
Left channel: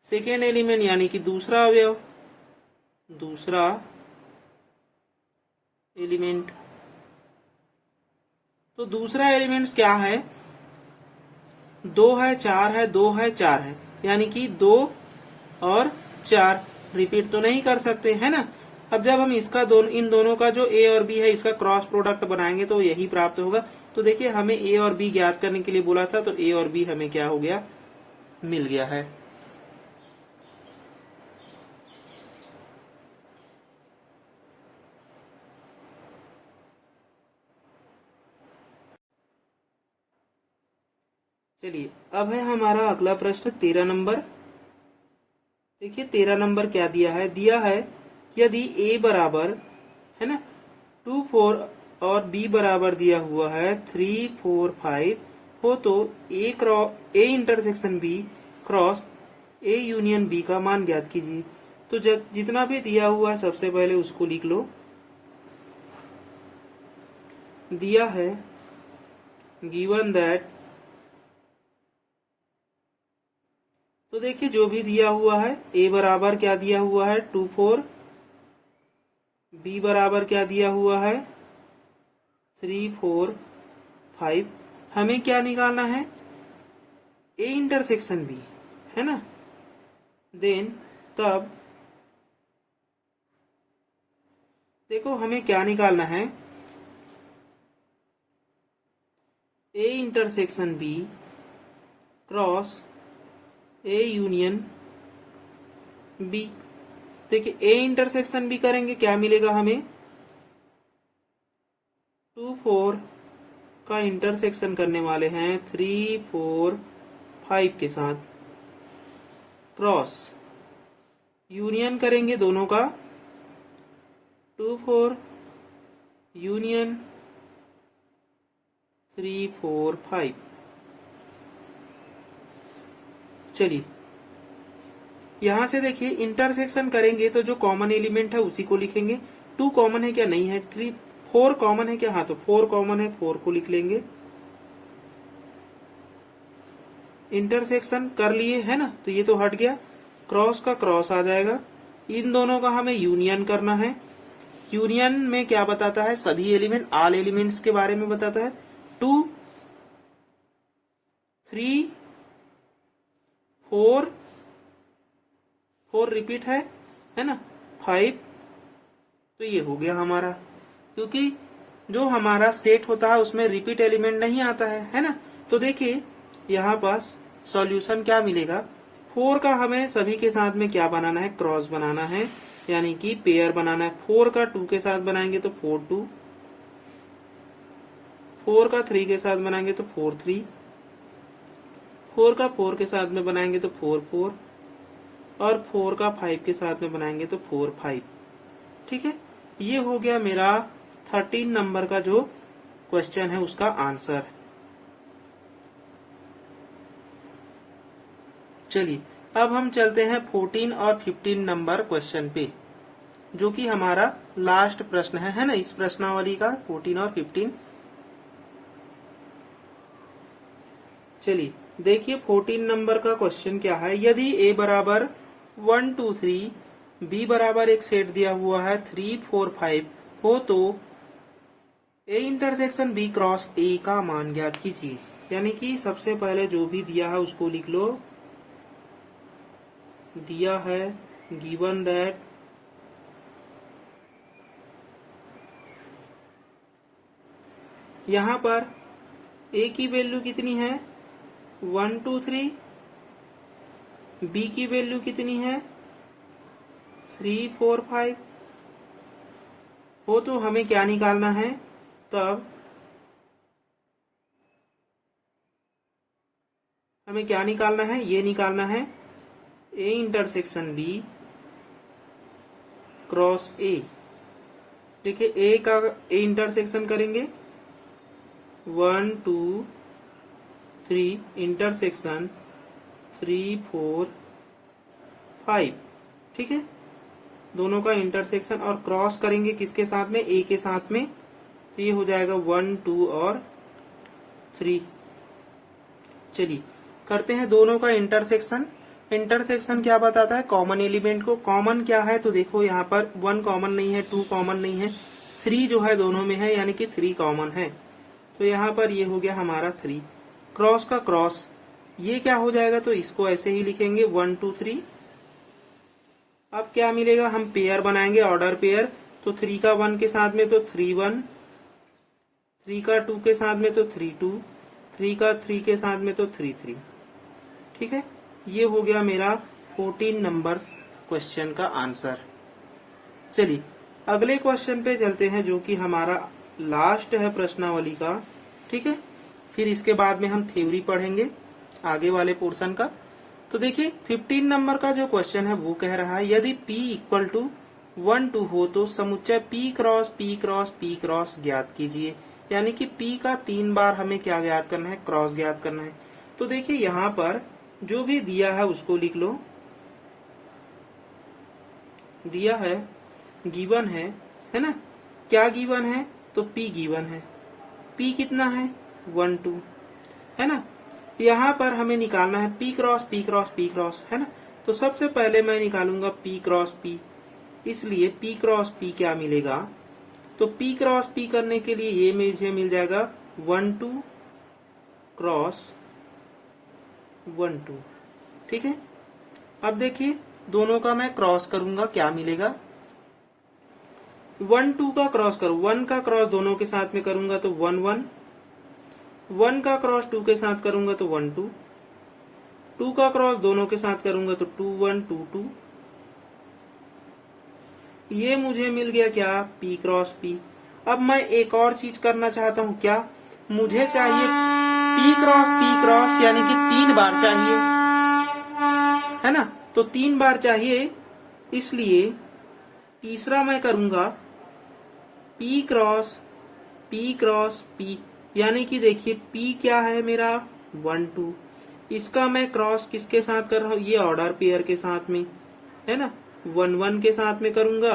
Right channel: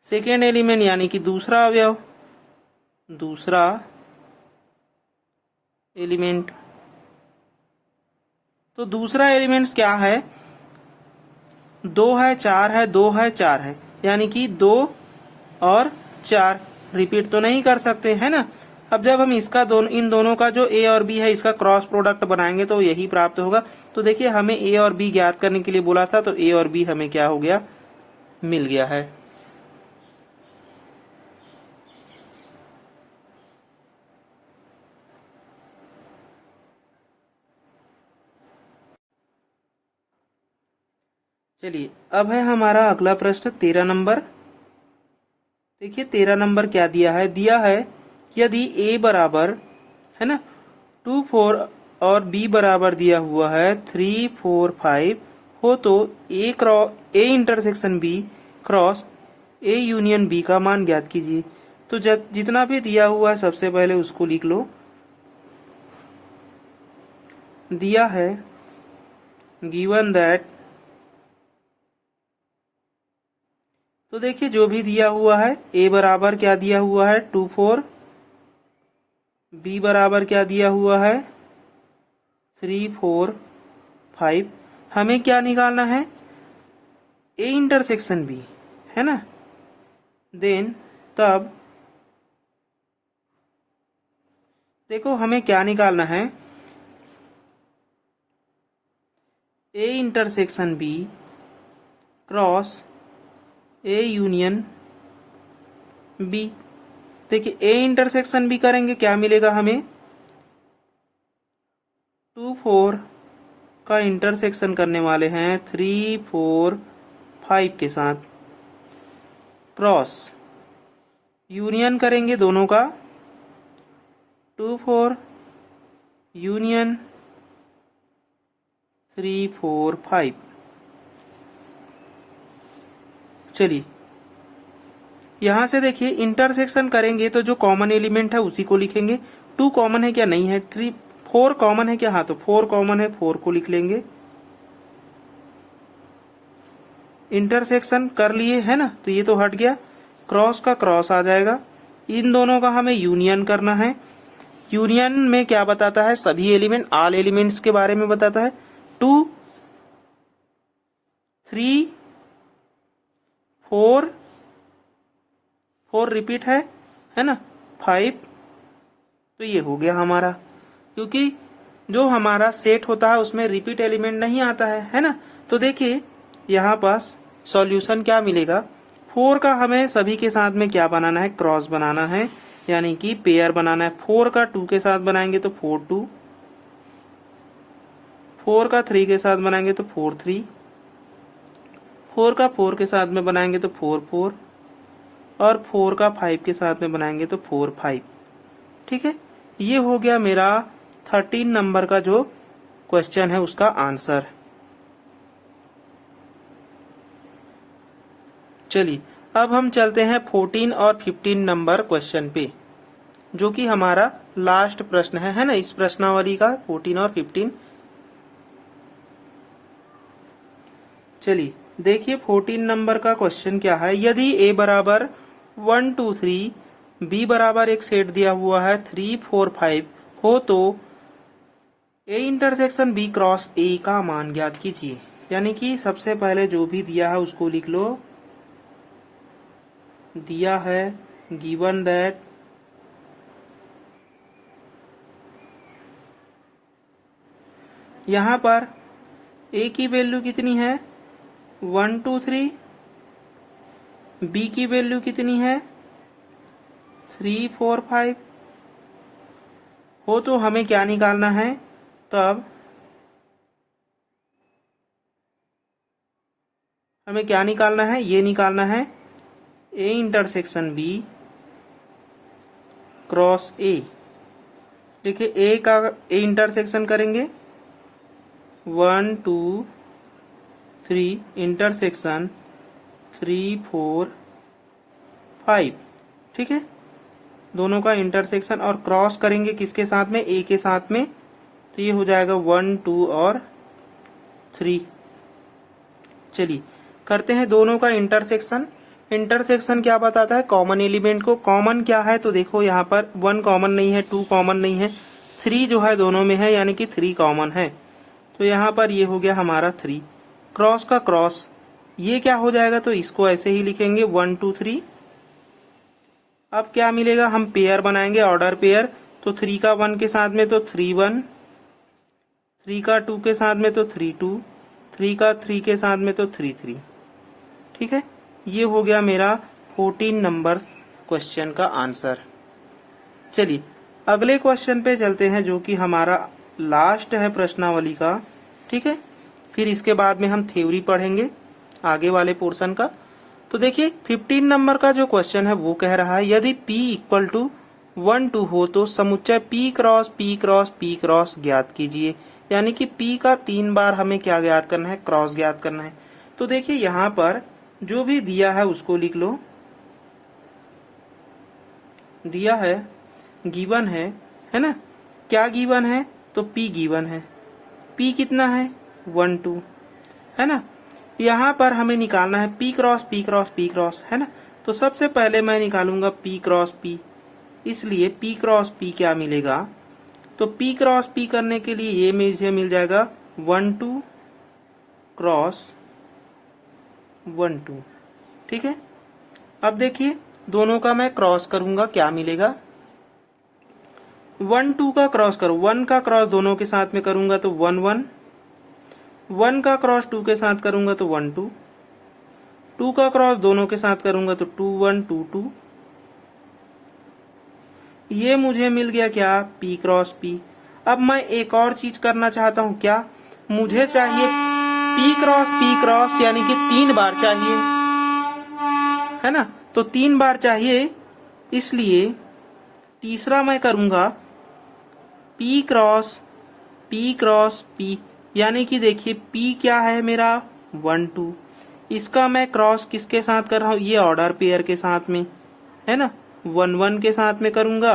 सेकेंड एलिमेंट, यानी कि दूसरा अवयव, दूसरा एलिमेंट। तो दूसरा एलिमेंट्स क्या है, 2 है 4 है 2 है 4 है, यानी कि 2 और 4 रिपीट तो नहीं कर सकते, है ना। अब जब हम इसका इन दोनों का जो A और B है इसका क्रॉस प्रोडक्ट बनाएंगे तो यही प्राप्त होगा। तो देखिए हमें A और B ज्ञात करने के लिए बोला था, तो A और B हमें क्या हो गया, मिल गया है। चलिए अब है हमारा अगला प्रश्न 13 नंबर। देखिए 13 नंबर क्या दिया है यदि a बराबर है ना 2 4 और b बराबर दिया हुआ है 3 4 5 हो तो a intersection b cross a union b का मान ज्ञात कीजिए। तो जितना भी दिया हुआ है सबसे पहले उसको लिख लो। दिया है गिवन दैट, तो देखिए जो भी दिया हुआ है a बराबर क्या दिया हुआ है 2 4, b बराबर क्या दिया हुआ है 3 4 5। हमें क्या निकालना है a इंटरसेक्शन b, है ना। देन तब देखो हमें क्या निकालना है a intersection b cross a union b। देखिए a इंटरसेक्शन b करेंगे क्या मिलेगा हमें 2 4 का इंटरसेक्शन करने वाले हैं 3 4 5 के साथ, क्रॉस यूनियन करेंगे दोनों का 2 4 यूनियन 3 4 5। चलिए यहां से देखिए इंटरसेक्शन करेंगे तो जो कॉमन एलिमेंट है उसी को लिखेंगे। 2 कॉमन है क्या, नहीं है। 3 4 कॉमन है क्या, हाँ, तो 4 कॉमन है, 4 को लिख लेंगे। इंटरसेक्शन कर लिए है ना, तो ये तो हट गया, क्रॉस का क्रॉस आ जाएगा। इन दोनों का हमें यूनियन करना है। यूनियन में क्या बताता है, सभी एलिमेंट, ऑल एलिमेंट्स के बारे में बताता है। 2 3 4 4 रिपीट है ना, 5। तो ये हो गया हमारा, क्योंकि जो हमारा सेट होता है उसमें रिपीट एलिमेंट नहीं आता है ना। तो देखिए यहाँ पास सॉल्यूशन क्या मिलेगा, 4 का हमें सभी के साथ में क्या बनाना है, क्रॉस बनाना है, यानी कि पेयर बनाना है। 4 का 2 के साथ बनाएंगे तो 4 2, 4 का 3 के साथ बनाएंगे तो 4 3, 4 का 4 के साथ में बनाएंगे तो 4 4, और 4 का 5 के साथ में बनाएंगे तो 4 5। ठीक है, ये हो गया मेरा 13 नंबर का जो क्वेश्चन है उसका आंसर। चलिए अब हम चलते हैं 14 और 15 नंबर क्वेश्चन पे, जो कि हमारा लास्ट प्रश्न है ना, इस प्रश्नावली का 14 और 15। चलिए देखिए 14 नंबर का क्वेश्चन क्या है। यदि a बराबर 1 2 3, b बराबर एक सेट दिया हुआ है 3 4 5 हो तो a intersection b cross a का मान ज्ञात कीजिए। यानी कि सबसे पहले जो भी दिया है उसको लिख लो। दिया है गिवन दैट यहाँ पर a की वैल्यू कितनी है 1 2 3, b की वैल्यू कितनी है 3 4 5 हो तो हमें क्या निकालना है, तब हमें क्या निकालना है, ये निकालना है a intersection b cross a। देखिए a का a इंटरसेक्शन करेंगे 1 2 3 इंटरसेक्शन 3 4 5। ठीक है, दोनों का इंटरसेक्शन और क्रॉस करेंगे किसके साथ में, a के साथ में, तो ये हो जाएगा 1 2 और 3। चलिए करते हैं दोनों का इंटरसेक्शन। इंटरसेक्शन क्या बताता है, कॉमन एलिमेंट को। कॉमन क्या है, तो देखो यहाँ पर 1 कॉमन नहीं है, 2 कॉमन नहीं है, 3 जो है दोनों में है, यानी कि 3 कॉमन है। तो यहाँ पर ये हो गया हमारा 3, क्रॉस का क्रॉस, ये क्या हो जाएगा, तो इसको ऐसे ही लिखेंगे 1 2 3। अब क्या मिलेगा, हम पेयर बनाएंगे, ऑर्डर पेयर। तो 3 का 1 के साथ में तो 3 1, 3 का 2 के साथ में तो 3 2, 3 का 3 के साथ में तो 3 3। ठीक है, ये हो गया मेरा 14 नंबर क्वेश्चन का आंसर। चलिए अगले क्वेश्चन पे चलते हैं, जो कि हमारा लास्ट है प्रश्नावली का। ठीक है, फिर इसके बाद में हम थ्योरी पढ़ेंगे। आगे वाले पोर्शन का। तो देखिए 15 नंबर का जो क्वेश्चन है वो कह रहा है यदि P इक्वल टू 1 2 हो तो समुच्चय P cross P cross P cross ज्ञात कीजिए। यानी कि P का 3 बार हमें क्या ज्ञात करना है, क्रॉस ज्ञात करना है। तो देखिए यहाँ पर जो भी दिया है उसको लिख लो। दिया है, गिवन है ना। क्या गिवन है, तो P गिवन है। P कितना है, 1 2 है ना। यहाँ पर हमें निकालना है P cross P cross P cross, है ना। तो सबसे पहले मैं निकालूंगा P क्रॉस P, इसलिए P क्रॉस P क्या मिलेगा, तो P क्रॉस P करने के लिए ये मुझे मिल जाएगा 1 2 क्रॉस 1 2। ठीक है, अब देखिए दोनों का मैं क्रॉस करूंगा, क्या मिलेगा, 1 2 का क्रॉस करो, 1 का क्रॉस दोनों के साथ में करूंगा तो 1 1, 1 का क्रॉस 2 के साथ करूंगा तो 1 2, 2 का क्रॉस दोनों के साथ करूंगा तो 2 1 2 2। ये मुझे मिल गया क्या, P क्रॉस P। अब मैं एक और चीज करना चाहता हूं, क्या, मुझे चाहिए P क्रॉस यानी कि 3 बार चाहिए, है ना। तो 3 बार चाहिए, इसलिए तीसरा मैं करूंगा P क्रॉस P, यानी कि देखिए P क्या है मेरा 1 2, इसका मैं क्रॉस किसके साथ कर रहा हूं, ये ऑर्डर पेयर के साथ में, है ना। 1 1 के साथ में करूंगा,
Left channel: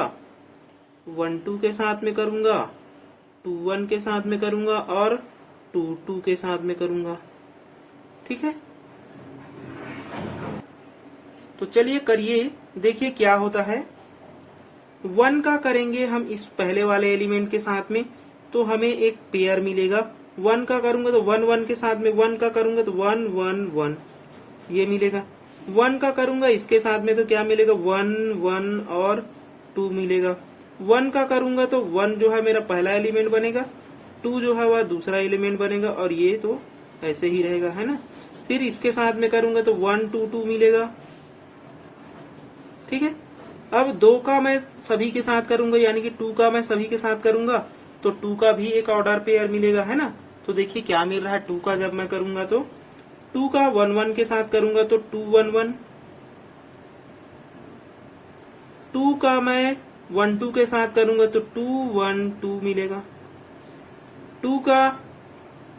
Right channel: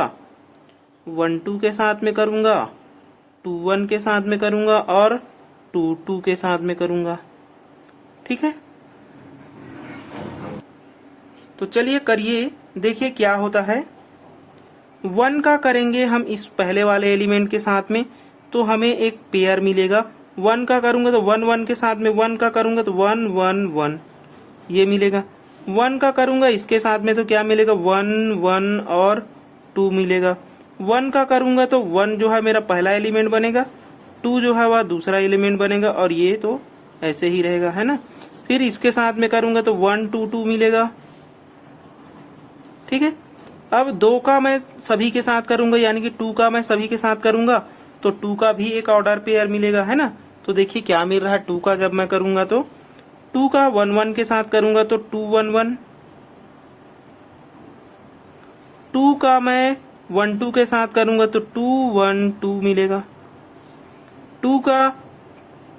1 2 के साथ में करूंगा, 2 1 के साथ में करूंगा और 2 2 के साथ में करूंगा। ठीक है, तो चलिए करिए, देखिए क्या होता है। 1 का करेंगे हम इस पहले वाले एलिमेंट के साथ में तो हमें एक पेयर मिलेगा। 1 का करूंगा तो 1 1 के साथ में, 1 का करूंगा तो 1 1 1 ये मिलेगा। 1 का करूंगा इसके साथ में तो क्या मिलेगा, 1 1 और 2 मिलेगा। 1 का करूंगा तो 1 जो है मेरा पहला एलिमेंट बनेगा, 2 जो है वह दूसरा एलिमेंट बनेगा और ये तो ऐसे ही रहेगा, है ना। फिर इसके साथ में करूंगा तो 1 2 2 मिलेगा। ठीक है, अब 2 का मैं सभी के साथ करूंगा, यानी कि 2 का मैं सभी के साथ करूंगा तो 2 का भी एक ऑर्डर पेयर मिलेगा, है ना। तो देखिए क्या मिल रहा है, 2 का जब मैं करूंगा तो 2 का 1 1 के साथ करूंगा तो 2 1 1, 2 का मैं 1 2 के साथ करूंगा तो 2 1 2 मिलेगा। 2 का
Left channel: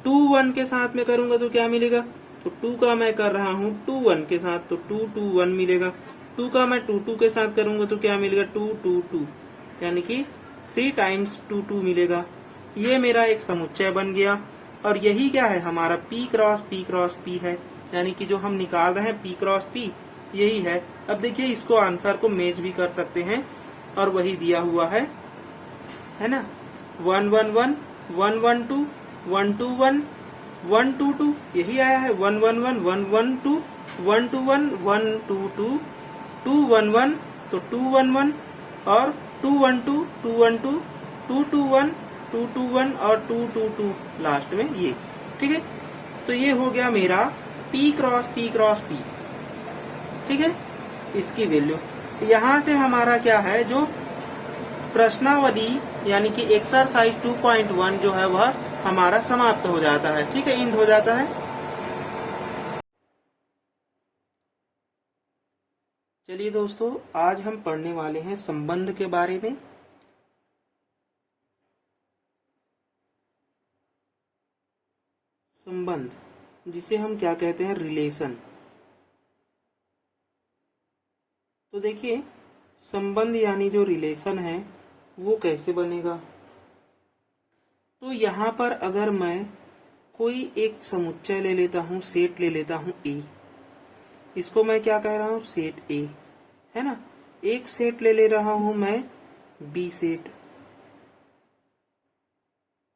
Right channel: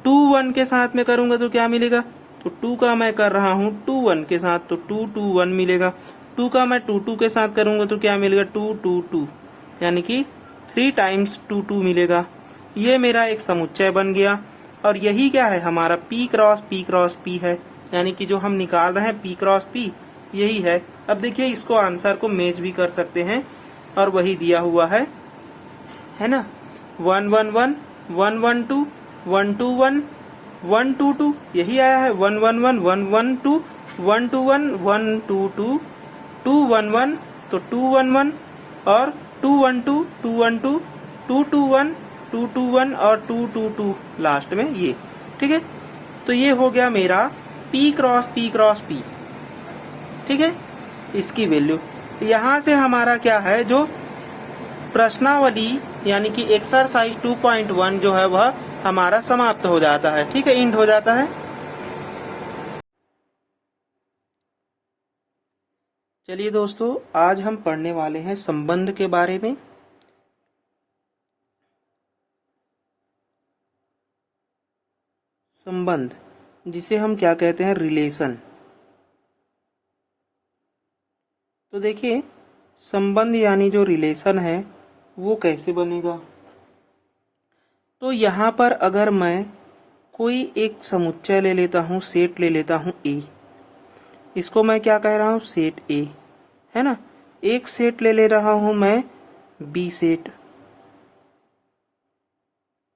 2 1 के साथ में करूंगा तो क्या मिलेगा, तो 2 का मैं कर रहा हूं 2 1 के साथ तो 2 2 1 मिलेगा। 2 का मैं 2 2 के साथ करूंगा तो क्या मिलेगा, 2 2 2, यानी कि 3 टाइम्स 2 2 मिलेगा। ये मेरा एक समुच्चय बन गया और यही क्या है, हमारा P क्रॉस P है, यानी कि जो हम निकाल रहे हैं P क्रॉस P यही है। अब देखिए इसको आंसर को मैच भी कर सकते हैं और वही दिया हुआ है ना। 1 1 1 1 1 2 1 2 1 1 2 2 यही आया है। 1 1 1 1 1 2 1 2 1 1 2 2 2 1 1 तो 2 1 1 और 2 1 2 2 1 2 2 2 1 2 2 1 और 2 2 2 लास्ट में ये। ठीक है, तो ये हो गया मेरा P क्रॉस P। ठीक है, इसकी वैल्यू यहाँ से हमारा क्या है, जो प्रश्नावली यानी कि एक्सरसाइज 2.1 जो है वह हमारा समाप्त हो जाता है। ठीक है, एंड हो जाता है। चलिए दोस्तों, आज हम पढ़ने वाले हैं संबंध के बारे में। संबंध जिसे हम क्या कहते हैं, रिलेशन। तो देखिए संबंध यानी जो रिलेशन है वो कैसे बनेगा। तो यहाँ पर अगर मैं कोई एक समुच्चय ले लेता हूँ, सेट ले लेता हूँ A, इसको मैं क्या कह रहा हूँ, सेट A, है ना। एक सेट ले रहा हूँ मैं B सेट।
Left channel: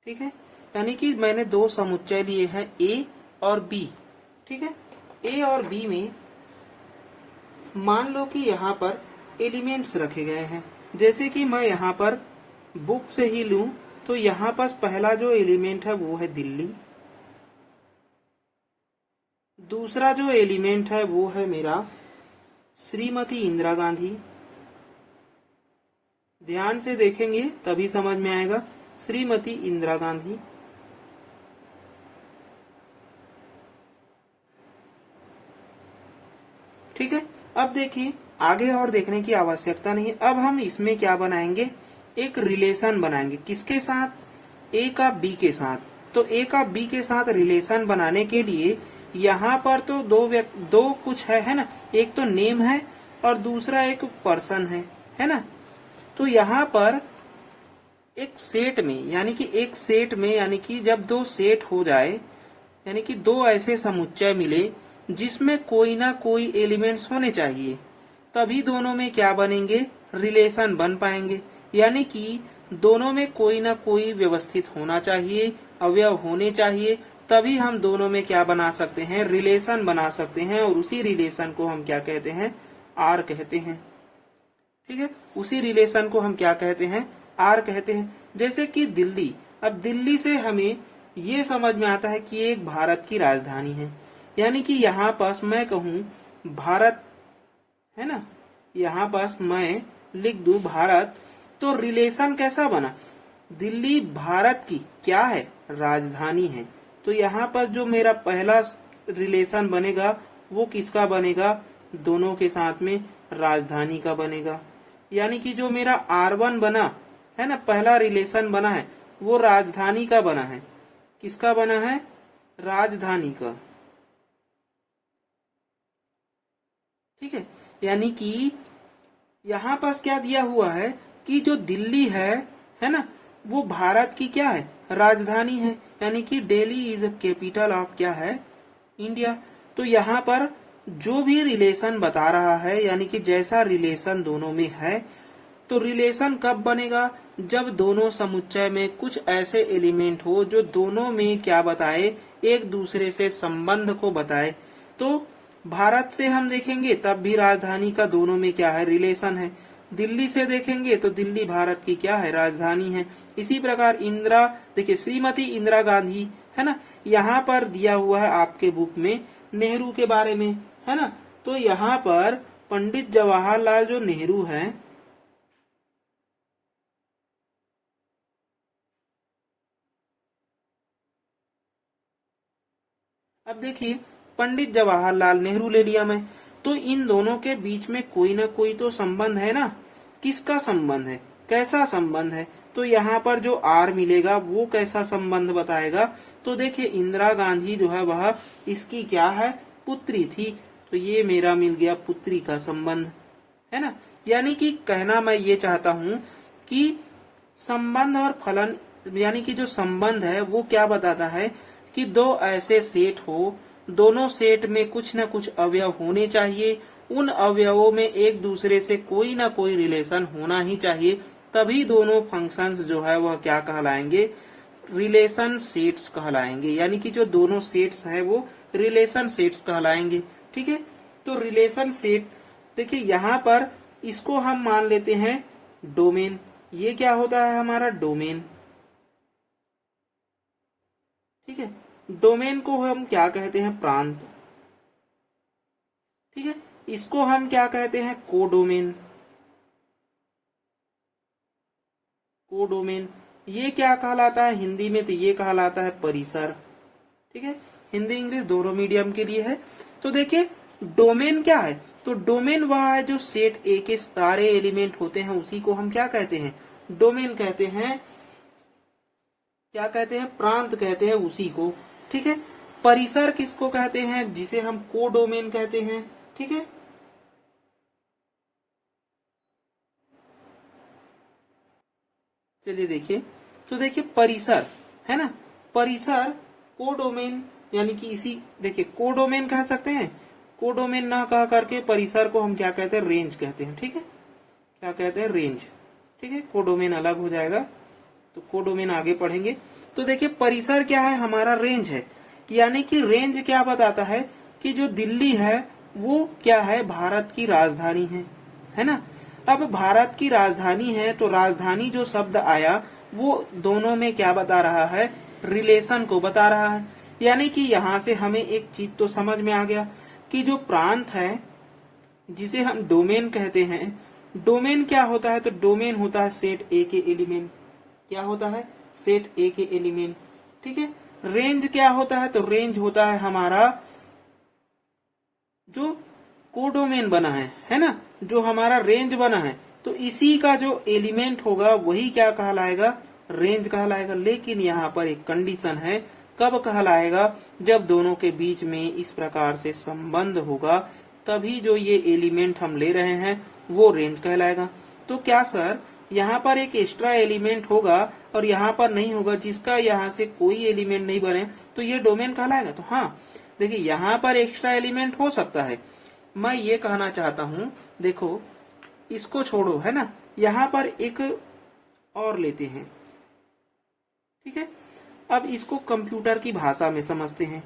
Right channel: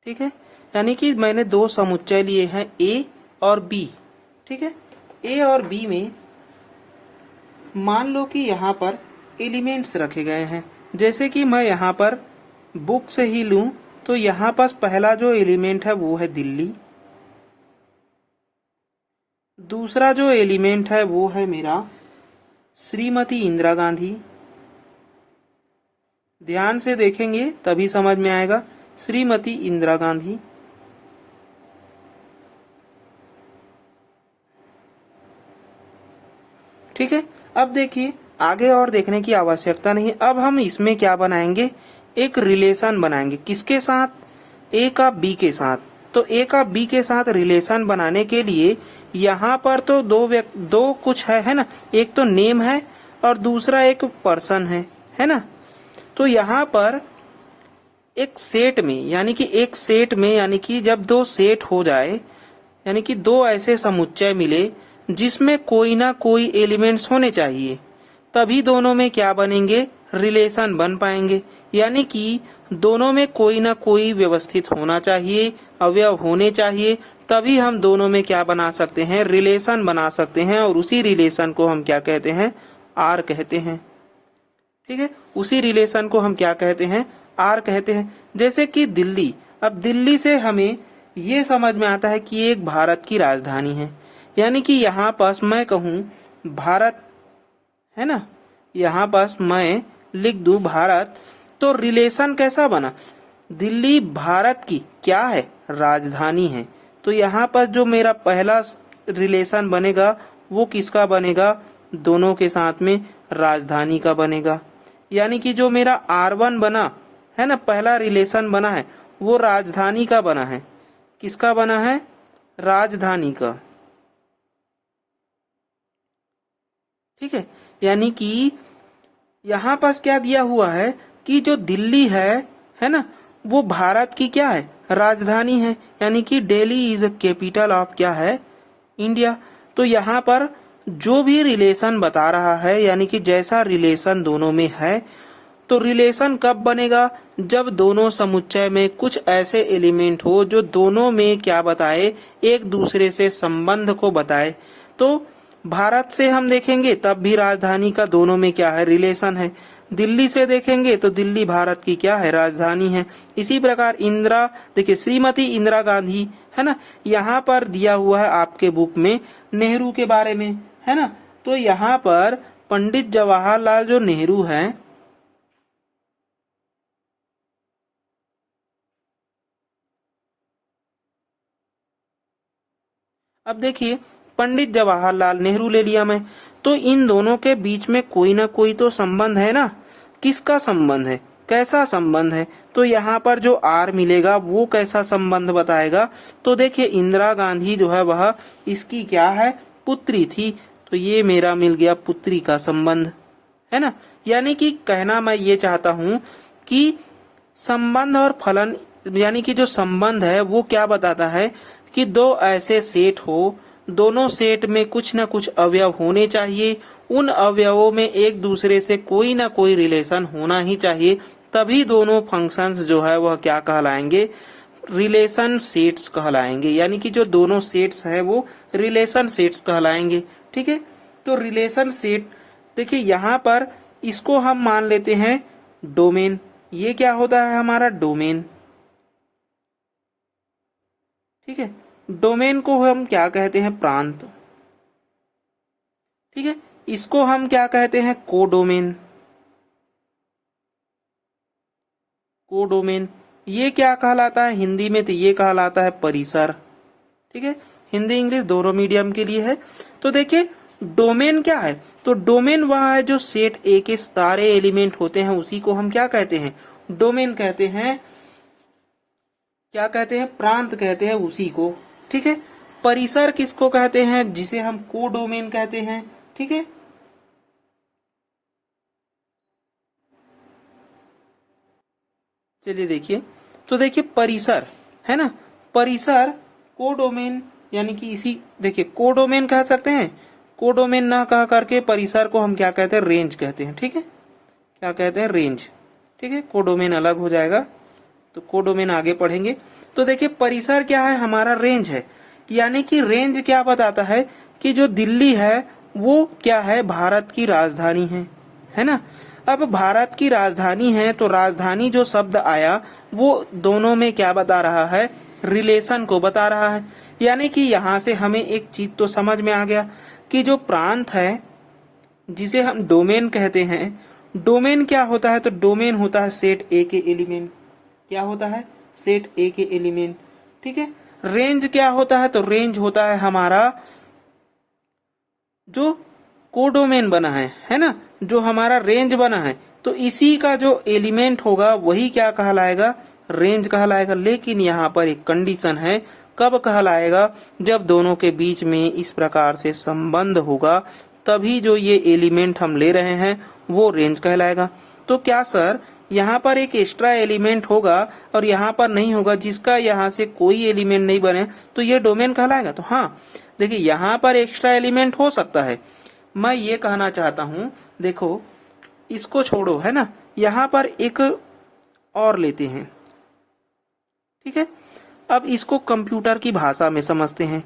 ठीक है, यानी कि मैंने दो समुच्चय लिए हैं A और B। ठीक है, A और B में मान लो कि यहाँ पर एलिमेंट्स रखे गए हैं। जैसे कि मैं यहाँ पर बुक से ही लूं तो यहाँ पास पहला जो एलिमेंट है वो है दिल्ली, दूसरा जो एलिमेंट है वो है मेरा श्रीमती इंदिरा गांधी। ध्यान से देखेंगे तभी समझ में आएगा, श्रीमती इंदिरा गांधी। ठीक है। अब देखिए आगे और देखने की आवश्यकता नहीं है। अब हम इसमें क्या बनाएंगे, एक रिलेशन बनाएंगे। किसके साथ, ए का बी के साथ। तो ए का बी के साथ रिलेशन बनाने के लिए यहाँ पर तो दो कुछ है ना, एक तो नेम है और दूसरा एक पर्सन है ना। तो यहाँ पर एक सेट में यानी कि जब दो सेट हो जाए, यानी कि दो ऐसे समुच्चय मिले जिसमें कोई ना कोई एलिमेंट्स होने चाहिए, तभी दोनों में क्या बनेंगे, रिलेशन बन पाएंगे। यानी कि दोनों में कोई ना कोई व्यवस्थित होना चाहिए, अवयव होने चाहिए, तभी हम दोनों में क्या बना सकते हैं, रिलेशन बना सकते हैं। और उसी रिलेशन को हम क्या कहते हैं, आर कहते हैं। ठीक है, उसी रिलेशन को हम क्या कहते हैं, आर कहते हैं। जैसे कि दिल्ली, अब दिल्ली से हमें ये समझ में आता है कि ये एक भारत की राजधानी है। यानी कि यहाँ पास मैं कहूँ भारत, है ना, यहाँ पास मैं लिख दूं भारत, तो रिलेशन कैसा बना, दिल्ली भारत की क्या है, राजधानी है। तो यहाँ पर जो मेरा पहला रिलेशन बनेगा वो किसका बनेगा, दोनों के साथ में राजधानी का बनेगा। यानी कि जो मेरा R1 बना है ना, पहला रिलेशन बना है, वो राजधानी का बना है। किसका बना है, राजधानी का। ठीक है, यानी कि यहाँ पास क्या दिया हुआ है कि जो दिल्ली है ना, वो भारत की क्या है, राजधानी है। यानी कि Delhi is a capital of क्या है, इंडिया। तो यहाँ पर जो भी रिलेशन बता रहा है, यानी कि जैसा रिलेशन दोनों में है, तो रिलेशन कब बनेगा, जब दोनों समुच्चय में कुछ ऐसे एलिमेंट हो जो दोनों में क्या बताए, एक दूसरे से संबंध को बताए। तो भारत से हम देखेंगे तब भी राजधानी का दोनों में क्या है, रिलेशन है। दिल्ली से देखेंगे तो दिल्ली भारत की क्या है, राजधानी है। इसी प्रकार इंदिरा, देखिए श्रीमती इंदिरा गांधी, है ना, यहाँ पर दिया हुआ है आपके बुक में नेहरू के बारे में, है ना। तो यहाँ पर पंडित जवाहरलाल जो नेहरू हैं, अब देखिए पंडित जवाहरलाल नेहरू ले लिया मैं, तो इन दोनों के बीच में कोई ना कोई तो संबंध है ना। किसका संबंध है, कैसा संबंध है, तो यहाँ पर जो आर मिलेगा वो कैसा संबंध बताएगा। तो देखिए इंदिरा गांधी जो है वह इसकी क्या है, पुत्री थी। तो ये मेरा मिल गया पुत्री का संबंध, है ना। यानी कि कहना मैं ये चाहता हूँ कि संबंध और फलन, यानी कि जो संबंध है वो क्या बताता है कि दो ऐसे सेट हो, दोनों सेट में कुछ न कुछ अवयव होने चाहिए, उन अवयवों में एक दूसरे से कोई ना कोई रिलेशन होना ही चाहिए, तभी दोनों फंक्शंस जो है वह क्या कहलाएंगे, रिलेशन सेट्स कहलाएंगे। यानी कि जो दोनों सेट्स है वो रिलेशन सेट्स कहलाएंगे। ठीक है, तो रिलेशन सेट देखिए यहाँ पर इसको हम मान लेते हैं डोमेन। ये क्या होता है, हमारा डोमेन। ठीक है, डोमेन को हम क्या कहते हैं, प्रांत। ठीक है, इसको हम क्या कहते हैं, कोडोमेन। कोडोमेन ये क्या कहलाता है हिंदी में, तो ये कहलाता है परिसर। ठीक है, हिंदी इंग्लिश दोनों मीडियम के लिए है। तो देखिए डोमेन क्या है, तो डोमेन वह है जो सेट ए के सारे एलिमेंट होते हैं, उसी को हम क्या कहते हैं, डोमेन कहते हैं। क्या कहते हैं, प्रांत कहते हैं उसी को। ठीक है, परिसर किसको कहते हैं, जिसे हम कोडोमेन कहते हैं। ठीक है, चलिए देखिए, तो देखिए परिसर है ना, परिसर कोडोमेन, यानी कि इसी देखिए कोडोमेन कह सकते हैं। कोडोमेन ना कह करके परिसर को हम क्या कहते हैं, रेंज कहते हैं। ठीक है, क्या कहते हैं, रेंज। ठीक है, कोडोमेन अलग हो जाएगा, तो कोडोमेन आगे पढ़ेंगे। तो देखिए परिसर क्या है, हमारा रेंज है। यानी कि रेंज क्या बताता है कि जो दिल्ली है वो क्या है, भारत की राजधानी है ना। अब भारत की राजधानी है, तो राजधानी जो शब्द आया वो दोनों में क्या बता रहा है, रिलेशन को बता रहा है। यानी कि यहाँ से हमें एक चीज तो समझ में आ गया कि जो प्रांत है जिसे हम डोमेन कहते हैं, डोमेन क्या होता है, तो डोमेन होता है सेट ए के एलिमेंट। क्या होता है, सेट ए के एलिमेंट। ठीक है, रेंज क्या होता है, तो रेंज होता है हमारा जो कोडोमेन बना है ना, जो हमारा रेंज बना है, तो इसी का जो एलिमेंट होगा वही क्या कहलाएगा, रेंज कहलाएगा। लेकिन यहाँ पर एक कंडीशन है, कब कहलाएगा, जब दोनों के बीच में इस प्रकार से संबंध होगा, तभी जो ये एलिमेंट हम ले रहे हैं वो रेंज कहलाएगा। तो क्या सर यहाँ पर एक एक्स्ट्रा एलिमेंट होगा और यहाँ पर नहीं होगा, जिसका यहाँ से कोई एलिमेंट नहीं बने, तो ये डोमेन कहलाएगा? तो हाँ, देखिए यहाँ पर एक्स्ट्रा एलिमेंट हो सकता है। मैं ये कहना चाहता हूँ, देखो इसको छोड़ो, है ना, यहाँ पर एक और लेते हैं, ठीक है। अब इसको कंप्यूटर की भाषा में समझते हैं।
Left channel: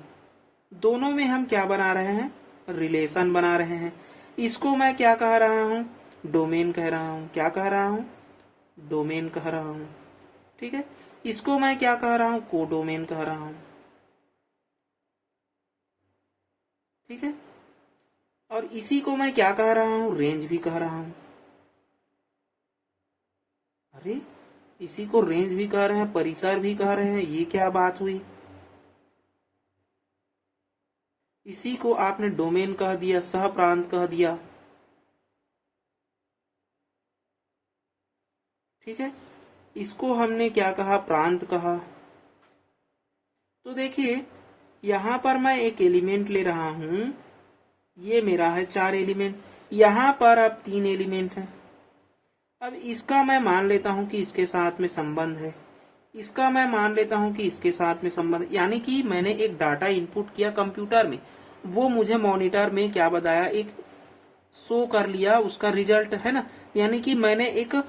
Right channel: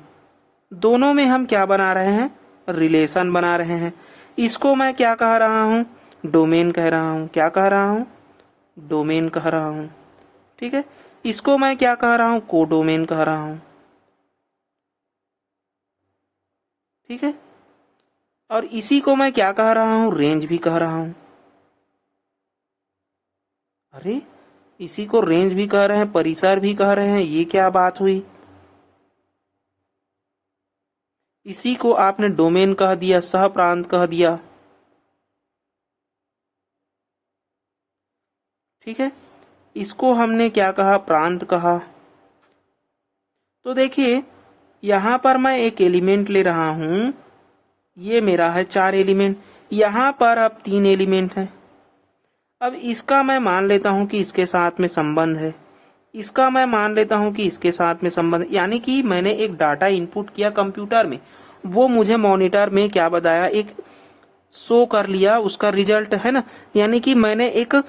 दोनों में हम क्या बना रहे हैं, रिलेशन बना रहे हैं। इसको मैं क्या कह रहा हूँ, डोमेन कह रहा हूँ। क्या कह रहा हूँ, डोमेन कह रहा हूँ, ठीक है। इसको मैं क्या कह रहा हूँ, कोडोमेन कह रहा हूँ, ठीक है। और इसी को मैं क्या कह रहा हूँ, रेंज भी कह रहा हूँ। अरे इसी को रेंज भी कह रहे हैं, परिसर भी कह रहे हैं, ये क्या बात हुई। इसी को आपने डोमेन कह दिया, सह प्रांत कह दिया, ठीक है। इसको हमने क्या कहा, प्रांत कहा। तो देखिए यहां पर मैं एक एलिमेंट ले रहा हूं, ये मेरा है 4 एलिमेंट, यहां पर अब 3 एलिमेंट है। अब इसका मैं मान लेता हूं कि इसके साथ में संबंध है, इसका मैं मान लेता हूं कि इसके साथ में संबंध, यानी कि मैंने एक डाटा इनपुट किया कंप्यूटर में, वो मुझे मॉनिटर में क्या बताया, एक शो कर लिया उसका रिजल्ट, है ना। यानी कि मैंने एक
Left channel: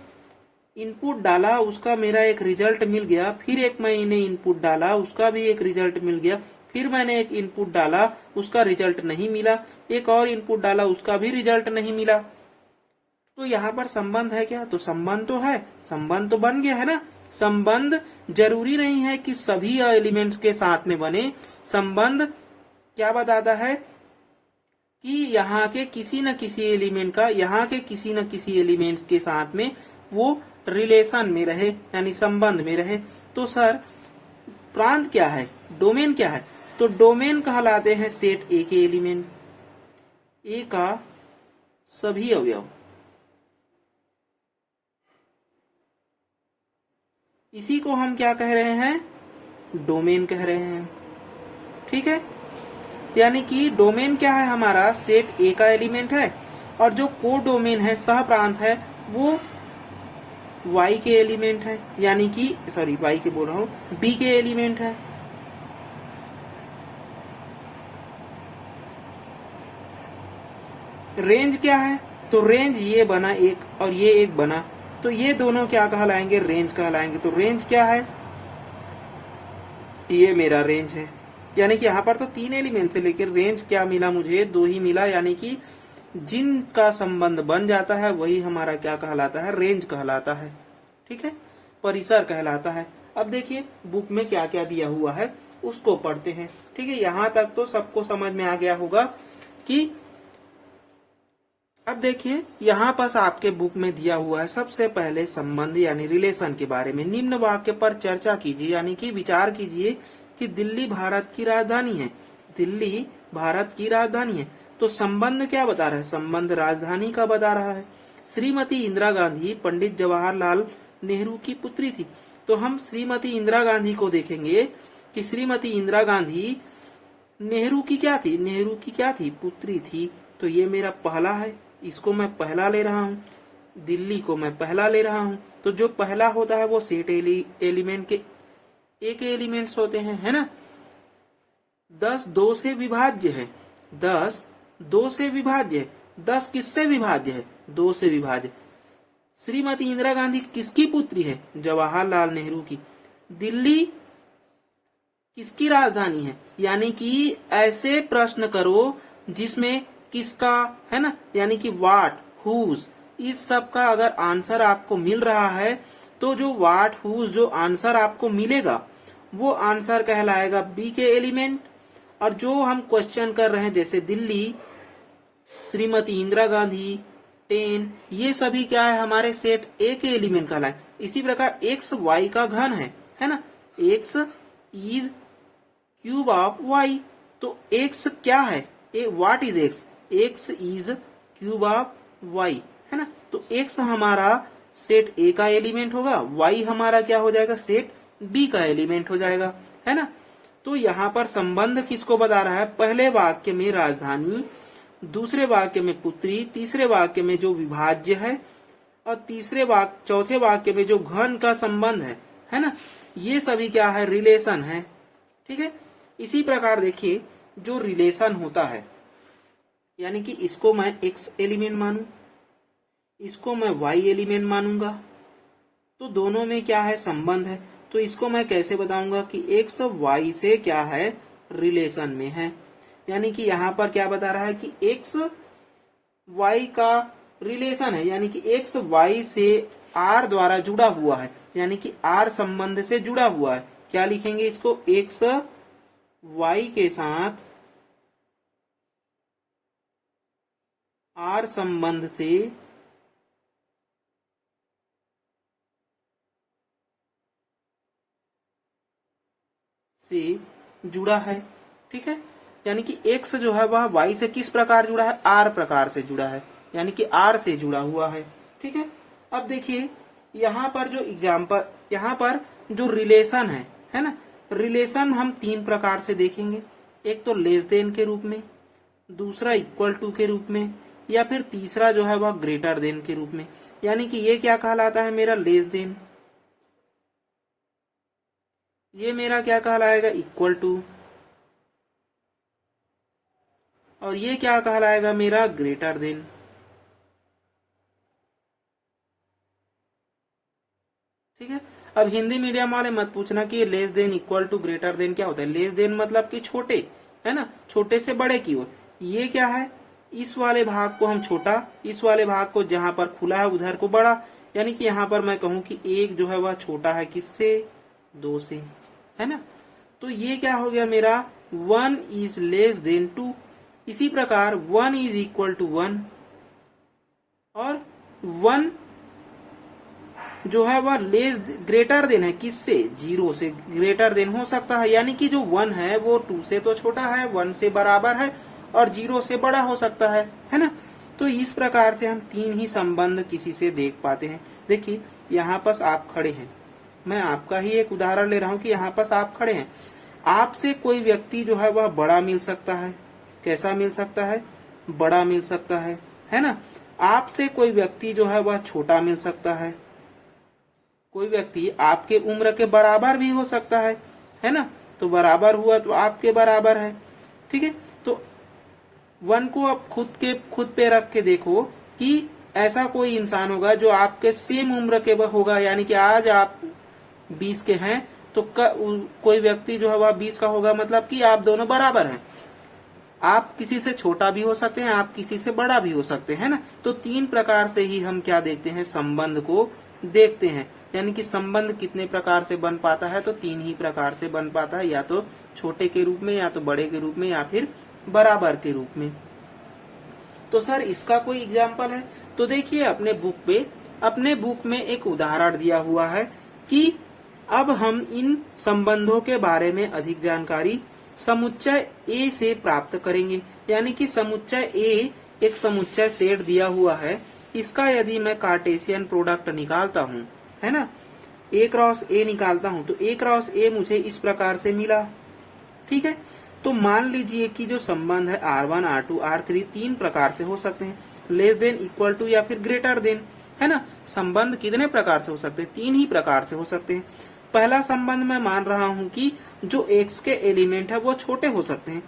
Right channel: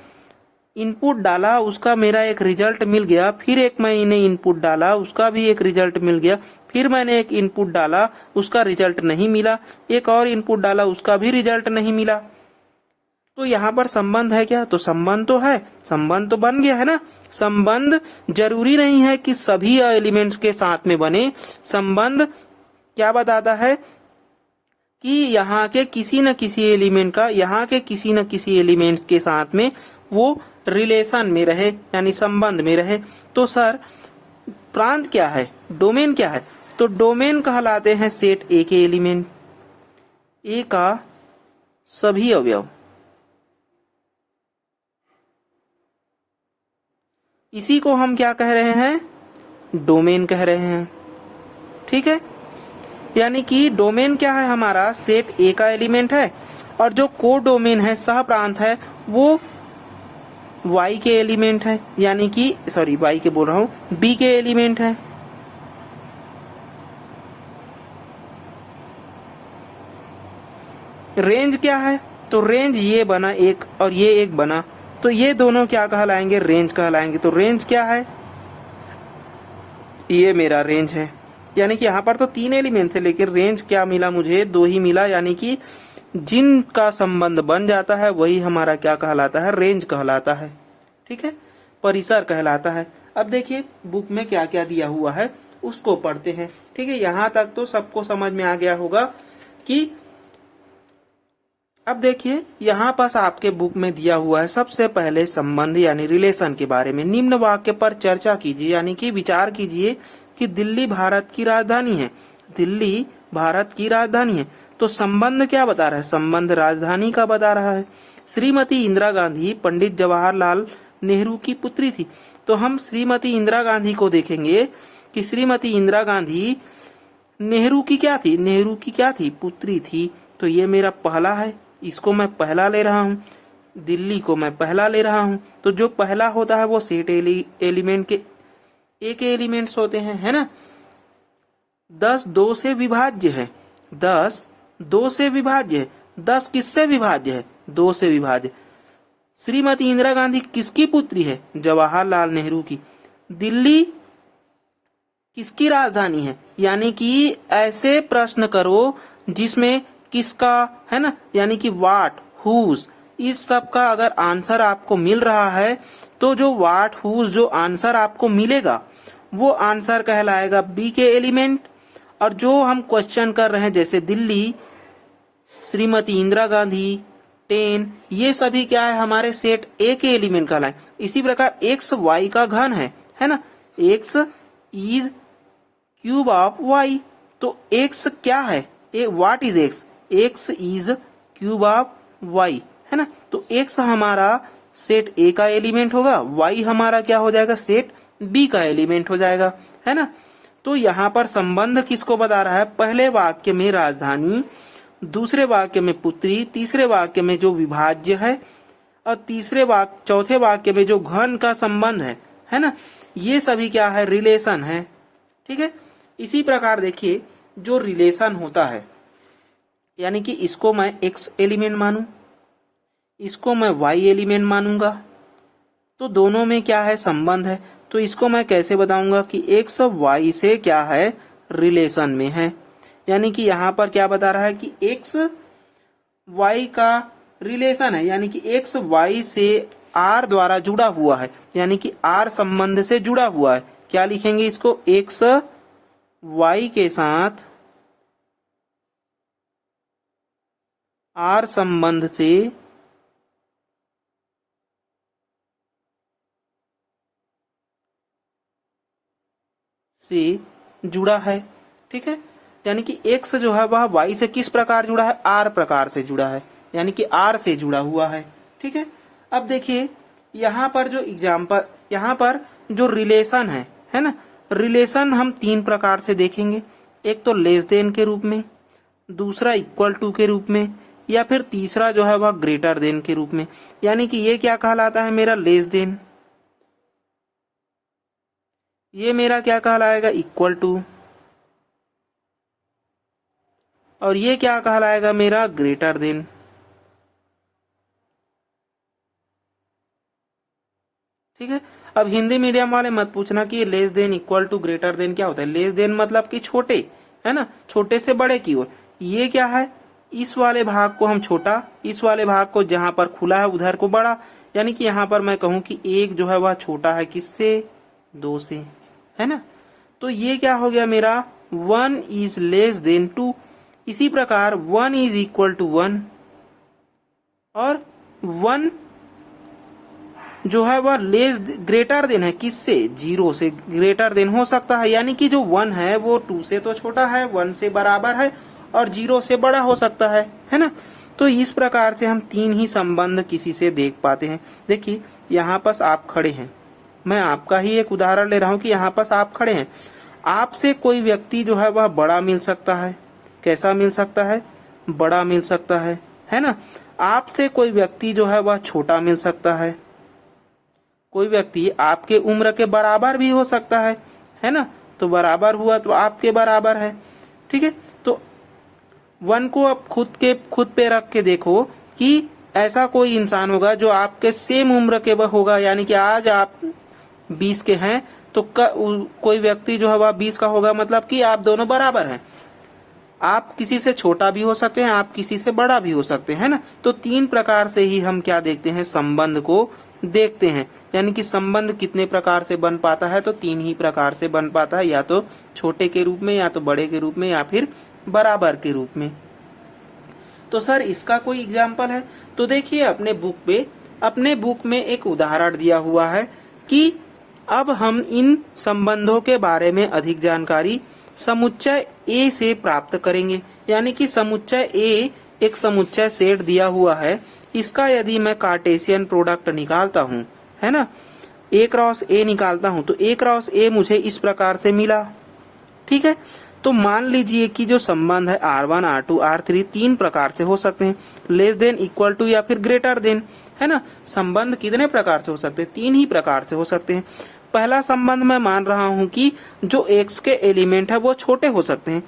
इनपुट डाला, उसका मेरा एक रिजल्ट मिल गया, फिर एक मैंने इनपुट डाला, उसका भी एक रिजल्ट मिल गया, फिर मैंने एक इनपुट डाला, उसका रिजल्ट नहीं मिला, एक और इनपुट डाला, उसका भी रिजल्ट नहीं मिला। तो यहाँ पर संबंध है क्या, तो संबंध तो है, संबंध तो बन गया है ना। संबंध जरूरी नहीं है कि सभी एलिमेंट्स के साथ में बने। संबंध क्या बताता है कि यहाँ के किसी न किसी एलिमेंट का यहाँ के किसी न किसी एलिमेंट्स के साथ में वो रिलेशन में रहे, यानी संबंध में रहे। तो सर प्रांत क्या है, डोमेन क्या है, तो डोमेन कहलाते हैं सेट ए के एलिमेंट, ए का सभी अवयव। इसी को हम क्या कह रहे हैं, डोमेन कह रहे हैं, ठीक है। यानी कि डोमेन क्या है हमारा, सेट ए का एलिमेंट है, और जो को डोमेन है, सह प्रांत है, वो y के एलिमेंट है, यानी कि सॉरी y के बोल रहा हूं, b के एलिमेंट है। रेंज क्या है, तो रेंज ये बना एक और ये एक बना, तो ये दोनों क्या कहलाएंगे, रेंज कहलाएंगे। तो रेंज क्या है, ये मेरा रेंज है, यानी कि यहाँ पर तो 3 एलिमेंट थे, लेकिन रेंज क्या मिला मुझे, 2 ही मिला, यानी कि जिनका संबंध बन जाता है वही हमारा क्या कहलाता है, रेंज कहलाता है, ठीक है, परिसर कहलाता है। अब देखिए बुक में क्या क्या दिया हुआ है उसको पढ़ते हैं, ठीक है। यहाँ तक तो सबको समझ में आ गया होगा कि अब देखिए यहाँ पास आपके बुक में दिया हुआ है, सबसे पहले संबंध यानी रिलेशन के बारे में निम्न वाक्य पर चर्चा कीजिए, यानी कि विचार कीजिए कि दिल्ली भारत की राजधानी है, दिल्ली भारत की राजधानी है। तो संबंध क्या बता रहा है, संबंध राजधानी का बता रहा है। श्रीमती इंदिरा गांधी पंडित जवाहरलाल नेहरू की पुत्री थी, तो हम श्रीमती इंदिरा गांधी को देखेंगे कि श्रीमती इंदिरा गांधी नेहरू की क्या थी, नेहरू की क्या थी, पुत्री थी। तो ये मेरा पहला है, इसको मैं पहला ले रहा हूँ, दिल्ली को मैं पहला ले रहा हूँ। तो जो पहला होता है वो सेट एलिमेंट के एक एलिमेंट्स होते हैं, है ना। 10 2 से विभाज्य है, 10 2 से विभाज्य है, 10 किससे विभाज्य है, 2 से विभाज्य। श्रीमती इंदिरा गांधी किसकी पुत्री है, जवाहरलाल नेहरू की। दिल्ली किसकी राजधानी है, यानी कि ऐसे प्रश्न करो जिसमें किसका, है ना, यानी कि वाट, हुज, इस सब का अगर आंसर आपको मिल रहा है तो जो वाट, हुज जो आंसर आपको मिलेगा वो आंसर कहलाएगा बी के एलिमेंट। और जो हम क्वेश्चन कर रहे हैं जैसे दिल्ली, श्रीमती इंदिरा गांधी, 10, ये सभी क्या है, हमारे सेट ए के एलिमेंट कहलाए। इसी प्रकार एक्स वाई का घन है ना, x is cube of y. तो एक्स क्या है, what is x, x is cube of y, है ना। तो x हमारा सेट A का एलिमेंट होगा, y हमारा क्या हो जाएगा, सेट B का एलिमेंट हो जाएगा, है ना। तो यहाँ पर संबंध किसको बता रहा है, पहले वाक्य में राजधानी, दूसरे वाक्य में पुत्री, तीसरे वाक्य में जो विभाज्य है, और चौथे वाक्य में जो घन का संबंध है ना। ये सभी क्या है, रिलेशन है, ठीक है। इसी प्रकार देखिए जो रिलेशन होता है, यानी कि इसको मैं x एलिमेंट मानूं, इसको मैं y एलिमेंट मानूंगा, तो दोनों में क्या है, संबंध है। तो इसको मैं कैसे बताऊंगा कि x y से क्या है, रिलेशन में है। यानी कि यहाँ पर क्या बता रहा है कि x y का रिलेशन है, यानी कि x y से r द्वारा जुड़ा हुआ है, यानी कि r संबंध से जुड़ा हुआ है। क्या लिखेंगे इसको, x y के साथ r संबंध से जुड़ा है, ठीक है। यानी कि x जो है वह y से किस प्रकार जुड़ा है, r प्रकार से जुड़ा है, यानी कि r से जुड़ा हुआ है, ठीक है। अब देखिए यहाँ पर जो एग्जाम्पल, यहाँ पर जो रिलेशन है ना, रिलेशन हम तीन प्रकार से देखेंगे। एक तो लेस देन के रूप में, दूसरा इक्वल टू के रूप में, या फिर तीसरा जो है वह ग्रेटर देन के रूप में। यानी कि ये क्या कहलाता है, मेरा लेस देन, ये मेरा क्या कहलाएगा, इक्वल टू, और ये क्या कहलाएगा, मेरा ग्रेटर देन, ठीक है। अब हिंदी मीडियम वाले मत पूछना कि less than, equal to, greater than क्या होता है। लेस देन मतलब कि छोटे, है ना, छोटे से बड़े की ओर। ये क्या है, इस वाले भाग को हम छोटा, इस वाले भाग को जहां पर खुला है उधर को बड़ा। यानी कि यहाँ पर मैं कहूं कि एक जो है वह छोटा है किससे, दो से, है ना। तो ये क्या हो गया मेरा, 1 इज लेस देन 2। इसी प्रकार 1 इज इक्वल टू 1, और 1 जो है वह लेस ग्रेटर देन है किससे, 0 से ग्रेटर देन हो सकता है। यानी कि जो 1 है वो 2 से तो छोटा है, 1 से बराबर है, और 0 से बड़ा हो सकता है ना। तो इस प्रकार से हम तीन ही संबंध किसी से देख पाते हैं। देखिए यहाँ पर आप खड़े हैं, मैं आपका ही एक उदाहरण ले रहा हूँ कि यहाँ पर आप खड़े हैं, आपसे कोई व्यक्ति जो है वह बड़ा मिल सकता है। कैसा मिल सकता है, बड़ा मिल सकता है ना। आपसे कोई व्यक्ति जो है वह छोटा मिल सकता है। कोई व्यक्ति आपके उम्र के बराबर भी हो सकता है ना। तो बराबर हुआ तो आपके बराबर है, ठीक है। तो 1 को आप खुद पे रख के देखो कि ऐसा कोई इंसान होगा जो आपके सेम उम्र के होगा। यानी कि आज आप 20 के हैं तो कोई व्यक्ति जो है वह 20 का होगा, मतलब कि आप दोनों बराबर हैं। आप किसी से छोटा भी हो सकते हैं, आप किसी से बड़ा भी हो सकते हैं, है ना। तो तीन प्रकार से ही हम क्या देखते हैं, संबंध को देखते हैं। यानी कि संबंध कितने प्रकार से बन पाता है, तो तीन ही प्रकार से बन पाता है, या तो छोटे के रूप में, या तो बड़े के रूप में, या फिर बराबर के रूप में। तो सर इसका कोई एग्जाम्पल है, तो देखिए अपने बुक में एक उदाहरण दिया हुआ है कि अब हम इन संबंधों के बारे में अधिक जानकारी समुच्चय A से प्राप्त करेंगे। यानी कि समुच्चय A एक समुच्चय सेट दिया हुआ है, इसका यदि मैं कार्टेशियन प्रोडक्ट निकालता हूँ, है ना, A क्रॉस A निकालता हूँ, तो A क्रॉस A मुझे इस प्रकार से मिला, ठीक है। तो मान लीजिए कि जो संबंध है R1, R2, R3 तीन प्रकार से हो सकते हैं, लेस देन, इक्वल टू, या फिर ग्रेटर देन, है ना। संबंध कितने प्रकार से हो सकते हैं, तीन ही प्रकार से हो सकते हैं। पहला संबंध मैं मान रहा हूं कि जो x के एलिमेंट है वो छोटे हो सकते हैं,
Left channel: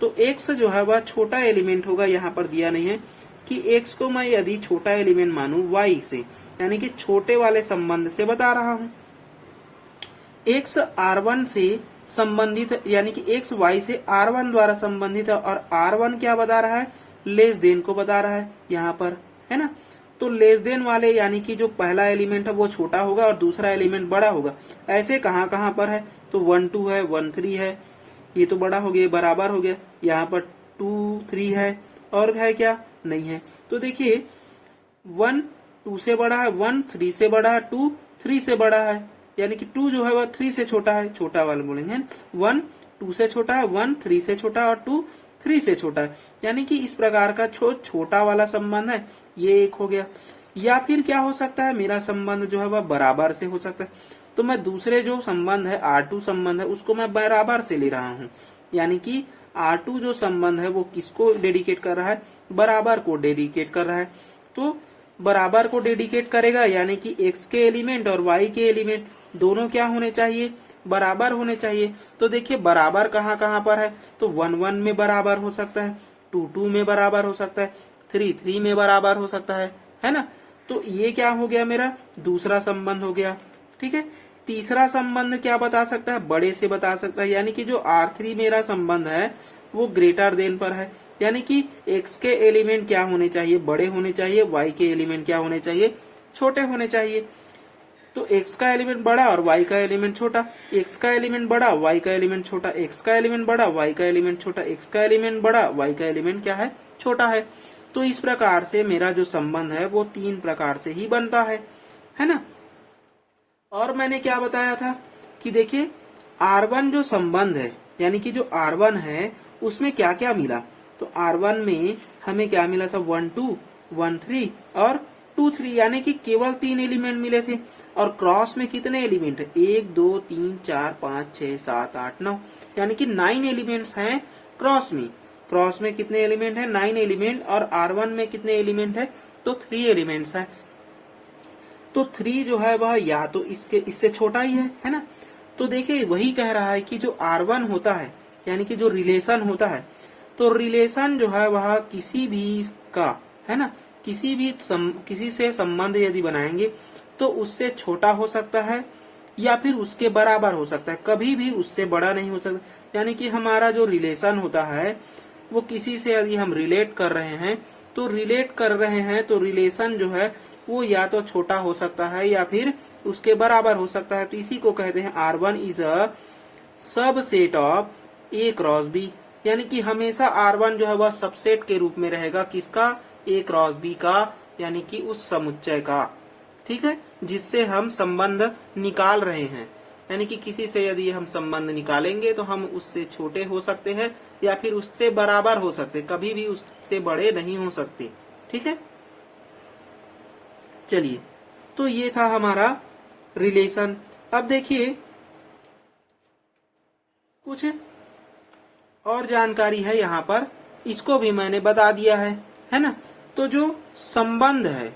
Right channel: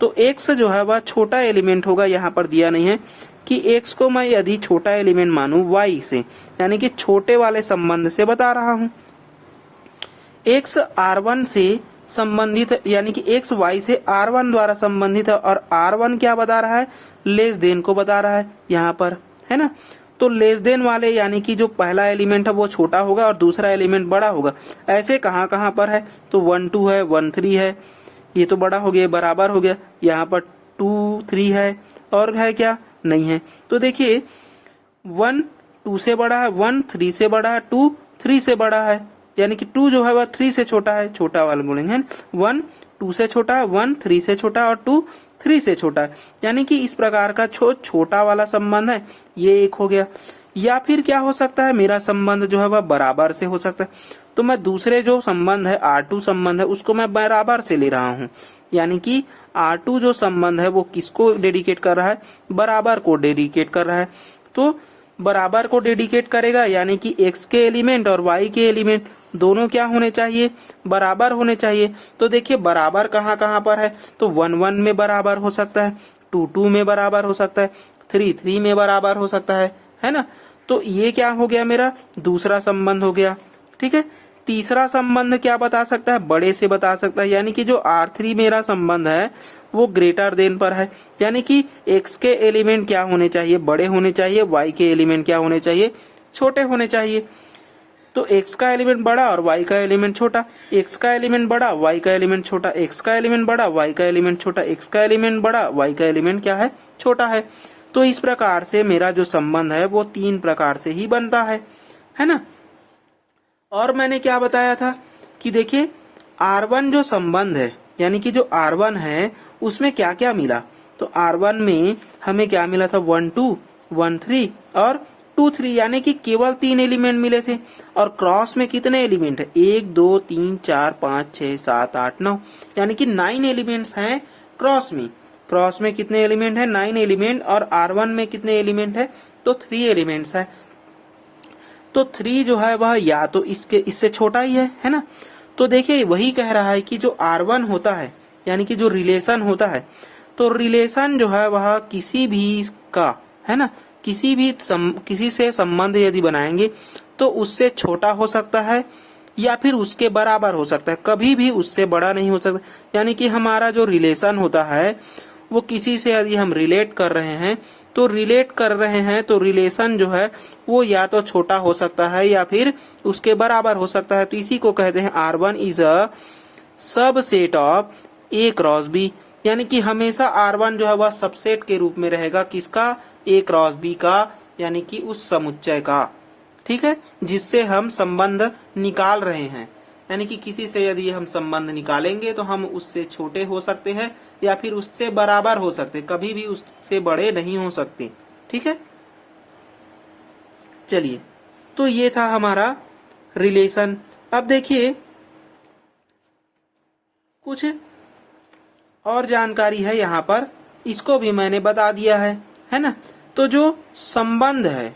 तो x जो है वह छोटा एलिमेंट होगा। यहाँ पर दिया नहीं है कि x को मैं यदि छोटा एलिमेंट मानूं y से, यानी कि छोटे वाले संबंध से बता रहा हूं। x r1 से संबंधित, यानी कि x y से r1 द्वारा संबंधित है, और r1 क्या बता रहा है, लेस देन को बता रहा है यहाँ पर, है ना। तो लेस देन वाले यानी कि जो पहला एलिमेंट है वो छोटा होगा और दूसरा एलिमेंट बड़ा होगा। ऐसे कहाँ पर है, तो 1 2 है, 1 3 है, ये तो बड़ा हो गया, बराबर हो गया। यहाँ पर 2 3 है, और है क्या, नहीं है। तो देखिए 1 2 से बड़ा है, 1 3 से बड़ा है, 2 3 से बड़ा है, यानी कि 2 जो है वह 3 से छोटा है, छोटा वाला बोलेंगे 1 2 से छोटा है, 1 3 से छोटा है और 2 3 से छोटा है। यानी कि इस प्रकार का छोटा वाला संबंध है, ये एक हो गया। या फिर क्या हो सकता है, मेरा संबंध जो है वह बराबर से हो सकता है। तो मैं दूसरे जो संबंध है R2 संबंध है उसको मैं बराबर से ले रहा हूँ। यानी कि R2 जो संबंध है वो किसको डेडिकेट कर रहा है, बराबर को डेडिकेट कर रहा है। तो बराबर को डेडिकेट करेगा यानी कि x के एलिमेंट और y के एलिमेंट दोनों क्या होने चाहिए, बराबर होने चाहिए। तो देखिए बराबर कहाँ कहाँ पर है, तो 1 1 में बराबर हो सकता है, 2 2 में बराबर हो सकता है, 3 3 में बराबर हो सकता है ना। तो ये क्या हो गया, मेरा दूसरा संबंध हो गया। ठीक है, तीसरा संबंध क्या बता सकता है, बड़े से बता सकता है। यानी कि जो R3 मेरा संबंध है वो ग्रेटर देन पर है। यानी कि x के एलिमेंट क्या होने चाहिए, बड़े होने चाहिए, y के एलिमेंट क्या होने चाहिए, छोटे होने चाहिए। तो x का एलिमेंट बड़ा और y का एलिमेंट छोटा, x का एलिमेंट बड़ा, y का एलिमेंट छोटा, x का एलिमेंट बड़ा, y का एलिमेंट छोटा, x का एलिमेंट बड़ा, y का एलिमेंट क्या है, छोटा है। तो इस प्रकार से मेरा जो संबंध है वो 3 प्रकार से ही बनता है ना। और मैंने क्या बताया था कि देखिए R1 जो संबंध है, यानी कि जो R1 है उसमें क्या क्या मिला, तो R1 में हमें क्या मिला था, 1 2 1 3 और 2 3, यानी कि केवल 3 एलिमेंट मिले थे। और क्रॉस में कितने एलिमेंट है, 1 2 3 4 5 6 7 8 9, यानी कि 9 एलिमेंट्स हैं क्रॉस में। क्रॉस में कितने एलिमेंट है, 9 एलिमेंट। और R1 में कितने एलिमेंट है, तो 3 एलिमेंट्स है। तो 3 जो है वह या तो इससे छोटा ही है ना। तो देखिए वही कह रहा है कि जो R1 होता है, यानी कि जो रिलेशन होता है, तो रिलेशन जो है वह किसी भी का, है ना, किसी से संबंध यदि बनाएंगे तो उससे छोटा हो सकता है या फिर उसके बराबर हो सकता है, कभी भी उससे बड़ा नहीं हो सकता। यानी कि हमारा जो रिलेशन होता है वो किसी से यदि हम रिलेट कर रहे हैं तो रिलेशन जो है वो या तो छोटा हो सकता है या फिर उसके बराबर हो सकता है। तो इसी को कहते हैं R1 is a subset of A cross B। यानी कि हमेशा R1 जो है वह सबसेट के रूप में रहेगा, किसका, A क्रॉस B का, यानी कि उस समुच्चय का। ठीक है, जिससे हम संबंध निकाल रहे हैं। यानी कि किसी से यदि हम संबंध निकालेंगे तो हम उससे छोटे हो सकते हैं या फिर उससे बराबर हो सकते, कभी भी उससे बड़े नहीं हो सकते। ठीक है, चलिए, तो ये था हमारा रिलेशन। अब देखिए कुछ और जानकारी है यहाँ पर, इसको भी मैंने बता दिया है ना। तो जो संबंध है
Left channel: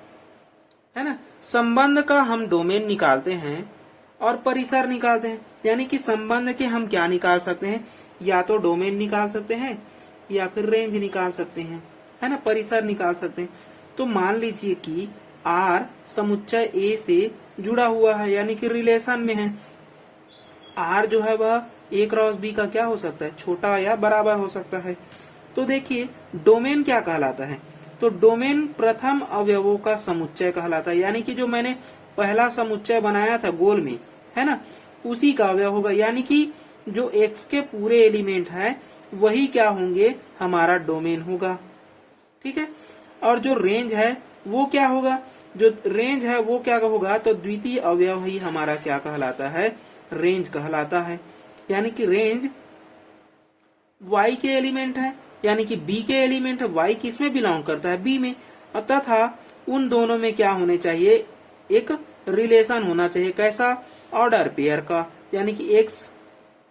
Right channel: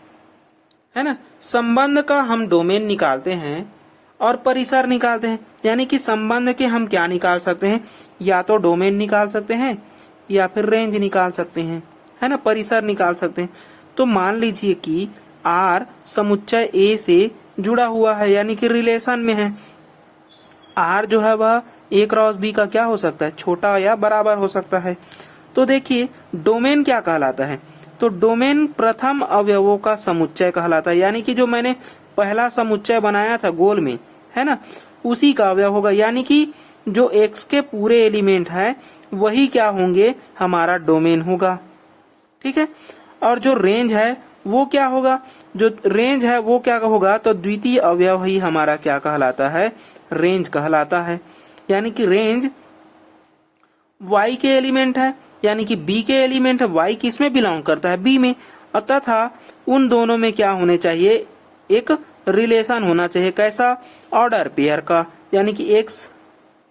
ना, संबंध का हम डोमेन निकालते हैं और परिसर निकालते हैं। यानी कि संबंध के हम क्या निकाल सकते हैं, या तो डोमेन निकाल सकते हैं या फिर रेंज निकाल सकते हैं, है ना, परिसर निकाल सकते हैं। तो मान लीजिए कि R समुच्चय A से जुड़ा हुआ है, यानी कि रिलेशन में है। R जो है वह A क्रॉस B का क्या हो सकता है, छोटा या बराबर हो सकता है। तो देखिए डोमेन क्या कहलाता है, तो डोमेन प्रथम अवयवों का समुच्चय कहलाता है। यानी कि जो मैंने पहला समुच्चय बनाया था गोल में, है ना, उसी का अवयव होगा। यानी कि जो x के पूरे एलिमेंट है वही क्या होंगे, हमारा डोमेन होगा। ठीक है, और जो रेंज है वो क्या होगा, जो रेंज है वो क्या होगा, तो द्वितीय अवयव ही हमारा क्या कहलाता है, रेंज कहलाता है। यानी कि रेंज y के एलिमेंट है, यानी कि b के एलिमेंट है, y किस में बिलोंग करता है, b में, तथा उन दोनों में क्या होने चाहिए, एक रिलेशन होना चाहिए। कैसा, ऑर्डर पेयर का। यानी कि x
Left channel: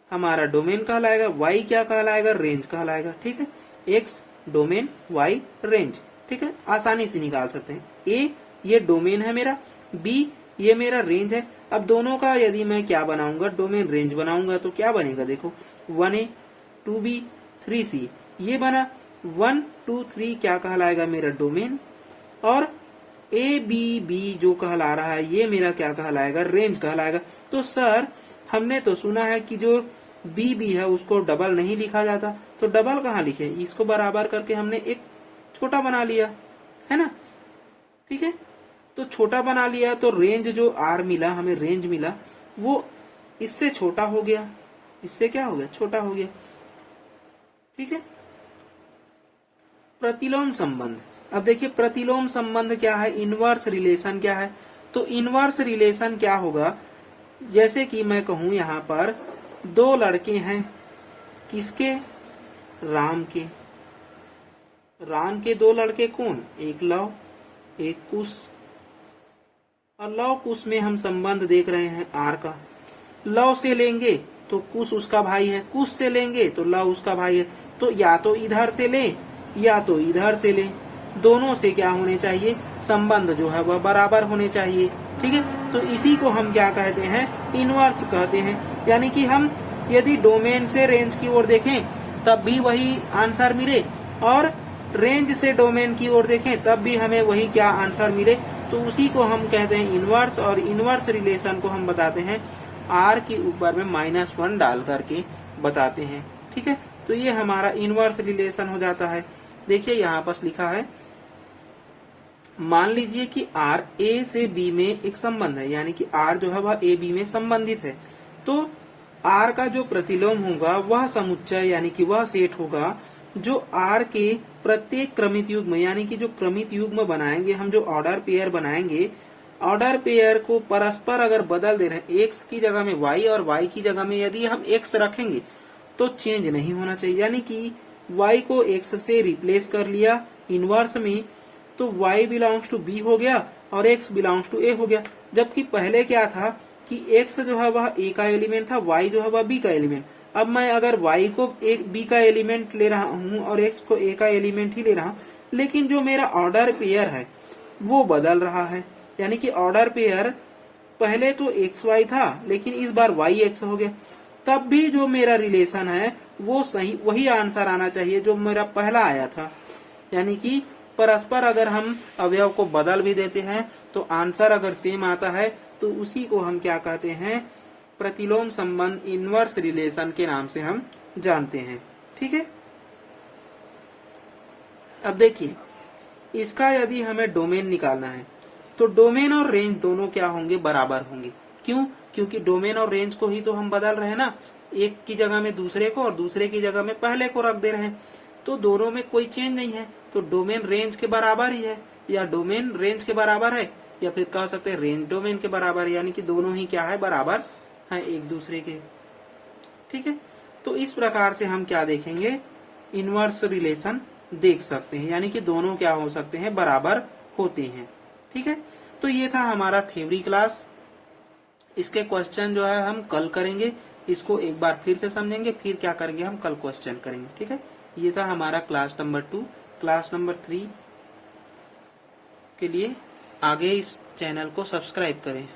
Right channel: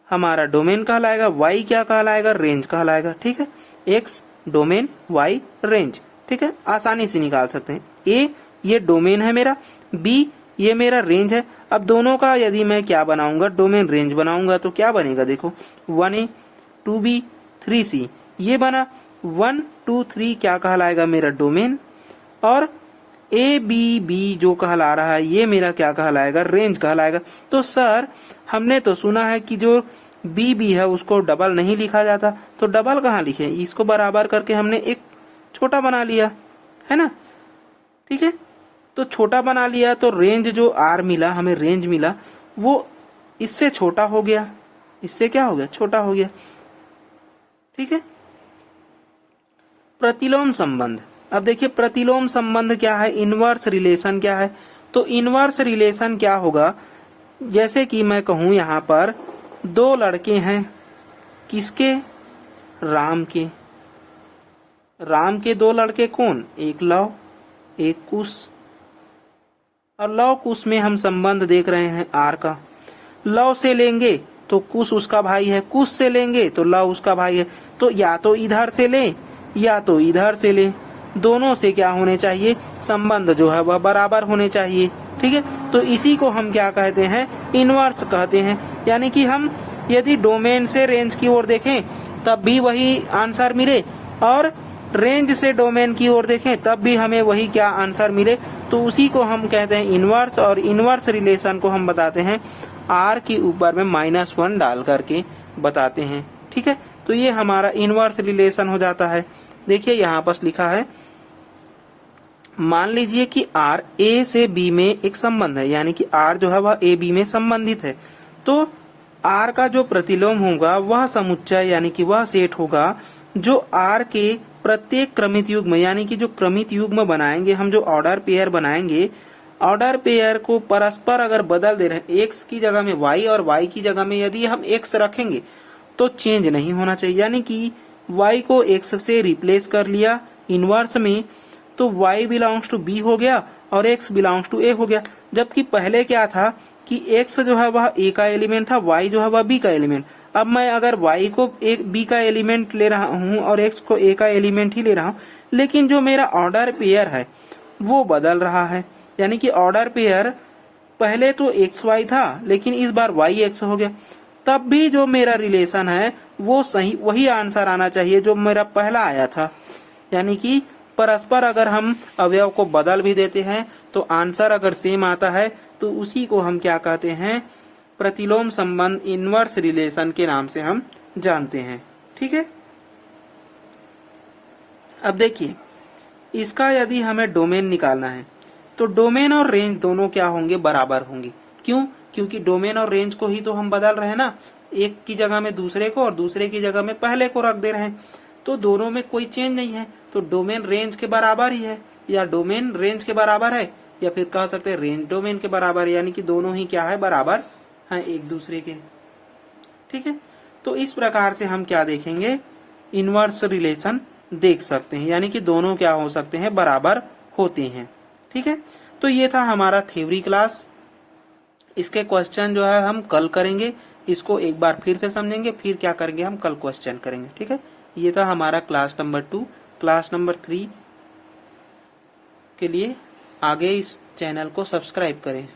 हमारा डोमेन कहलाएगा, y क्या कहलाएगा, रेंज कहलाएगा। ठीक है, x डोमेन, y रेंज। ठीक है, आसानी से निकाल सकते हैं। a ये डोमेन है मेरा, b ये मेरा रेंज है। अब दोनों का यदि मैं क्या बनाऊंगा, डोमेन रेंज बनाऊंगा, तो क्या बनेगा, देखो 1a 2b 3c ये बना। 1 2 3 क्या कहलाएगा, मेरा डोमेन, और ए बी बी जो कहला रहा है ये मेरा क्या कहलाएगा, रेंज कहलाएगा। तो सर हमने तो सुना है कि जो बी बी है उसको डबल नहीं लिखा जाता, तो डबल कहाँ लिखे, इसको बराबर करके हमने एक छोटा बना लिया, है ना। ठीक है, तो छोटा बना लिया, तो रेंज जो आर मिला हमें, रेंज मिला, वो इससे छोटा हो गया, इससे क्या हो गया, छोटा हो गया। ठीक है, प्रतिलोम संबंध। अब देखिए प्रतिलोम संबंध क्या है, इनवर्स रिलेशन क्या है। तो इनवर्स रिलेशन क्या होगा, जैसे कि मैं कहूं यहाँ पर 2 लड़के हैं, किसके? राम के। राम के दो लड़के कौन? एक लव, एक कुश। और लव कुश में हम संबंध देख रहे हैं आर का। लव से लेंगे तो कुश उसका भाई है, कुश से लेंगे तो लव उसका भाई है। तो या तो इधर से ले या तो इधर से ले, दोनों से क्या होने चाहिए? संबंध जो है वह बराबर होने चाहिए। ठीक है, तो इसी को हम क्या कहते हैं? इनवर्स कहते हैं। यानी कि हम यदि डोमेन से रेंज की ओर देखें तब भी वही आंसर मिले, और रेंज से डोमेन की ओर देखें तब भी हमें वही क्या आंसर मिले, तो उसी को हम कहते हैं इनवर्स। और इनवर्स रिलेशन को हम बताते हैं आर के ऊपर में -1 डाल करके बताते हैं। ठीक है, तो ये हमारा इनवर्स रिलेशन हो जाता है। देखिए यहाँ पर लिखा है, मान लीजिए कि आर ए से बी में एक संबंध है, यानी कि आर जो है वह ए बी में संबंधित है। तो आर का जो प्रतिलोम होगा वह समुच्चय यानी कि वह सेट होगा जो आर के प्रत्येक क्रमित युग्म, यानी कि जो क्रमित युग्म बनाएंगे हम, जो ऑर्डर पेयर बनाएंगे, ऑर्डर पेयर को परस्पर अगर बदल दे रहे हैं, एक्स की जगह में वाई और वाई की जगह में यदि हम एक्स रखेंगे तो चेंज नहीं होना चाहिए। यानी कि वाई को एक्स से रिप्लेस कर लिया इनवर्स में, तो y बिलोंग्स टू b हो गया और x बिलोंग्स टू a हो गया। जबकि पहले क्या था कि x जो है वह a का एलिमेंट था, y जो है वह b का एलिमेंट। अब मैं अगर y को b का एलिमेंट ले रहा हूँ और x को a का एलिमेंट ही ले रहा हूँ, लेकिन जो मेरा ऑर्डर पेयर है वो बदल रहा है। यानी कि ऑर्डर पेयर पहले तो xy था लेकिन इस बार yx हो गया, तब भी जो मेरा रिलेशन है वो सही, वही आंसर आना चाहिए जो मेरा पहला आया था। यानी कि परस्पर अगर हम अवयव को बदल भी देते हैं तो आंसर अगर सेम आता है तो उसी को हम क्या कहते हैं? प्रतिलोम संबंध, इनवर्स रिलेशन के नाम से हम जानते हैं। ठीक है, अब देखिए इसका यदि हमें डोमेन निकालना है तो डोमेन और रेंज दोनों क्या होंगे? बराबर होंगे। क्यों? क्योंकि डोमेन और रेंज को ही तो हम बदल रहे हैं ना, एक की जगह में दूसरे को और दूसरे की जगह में पहले को रख दे रहे हैं, तो दोनों में कोई चेंज नहीं है। तो डोमेन रेंज के बराबर ही है, या डोमेन रेंज के बराबर है, या फिर कह सकते हैं रेंज डोमेन के बराबर है। यानी कि दोनों ही क्या है? बराबर है एक दूसरे के। ठीक है, तो इस प्रकार से हम क्या देखेंगे? इनवर्स रिलेशन देख सकते हैं, यानी कि दोनों क्या हो सकते हैं? बराबर होते हैं। ठीक है, तो ये था हमारा थ्योरी क्लास। इसके क्वेश्चन जो है हम कल करेंगे, इसको एक बार फिर से समझेंगे, फिर क्या करेंगे? हम कल क्वेश्चन करेंगे। ठीक है, ये था हमारा क्लास नंबर 2। क्लास नंबर 3 के लिए आगे इस चैनल को सब्सक्राइब करें।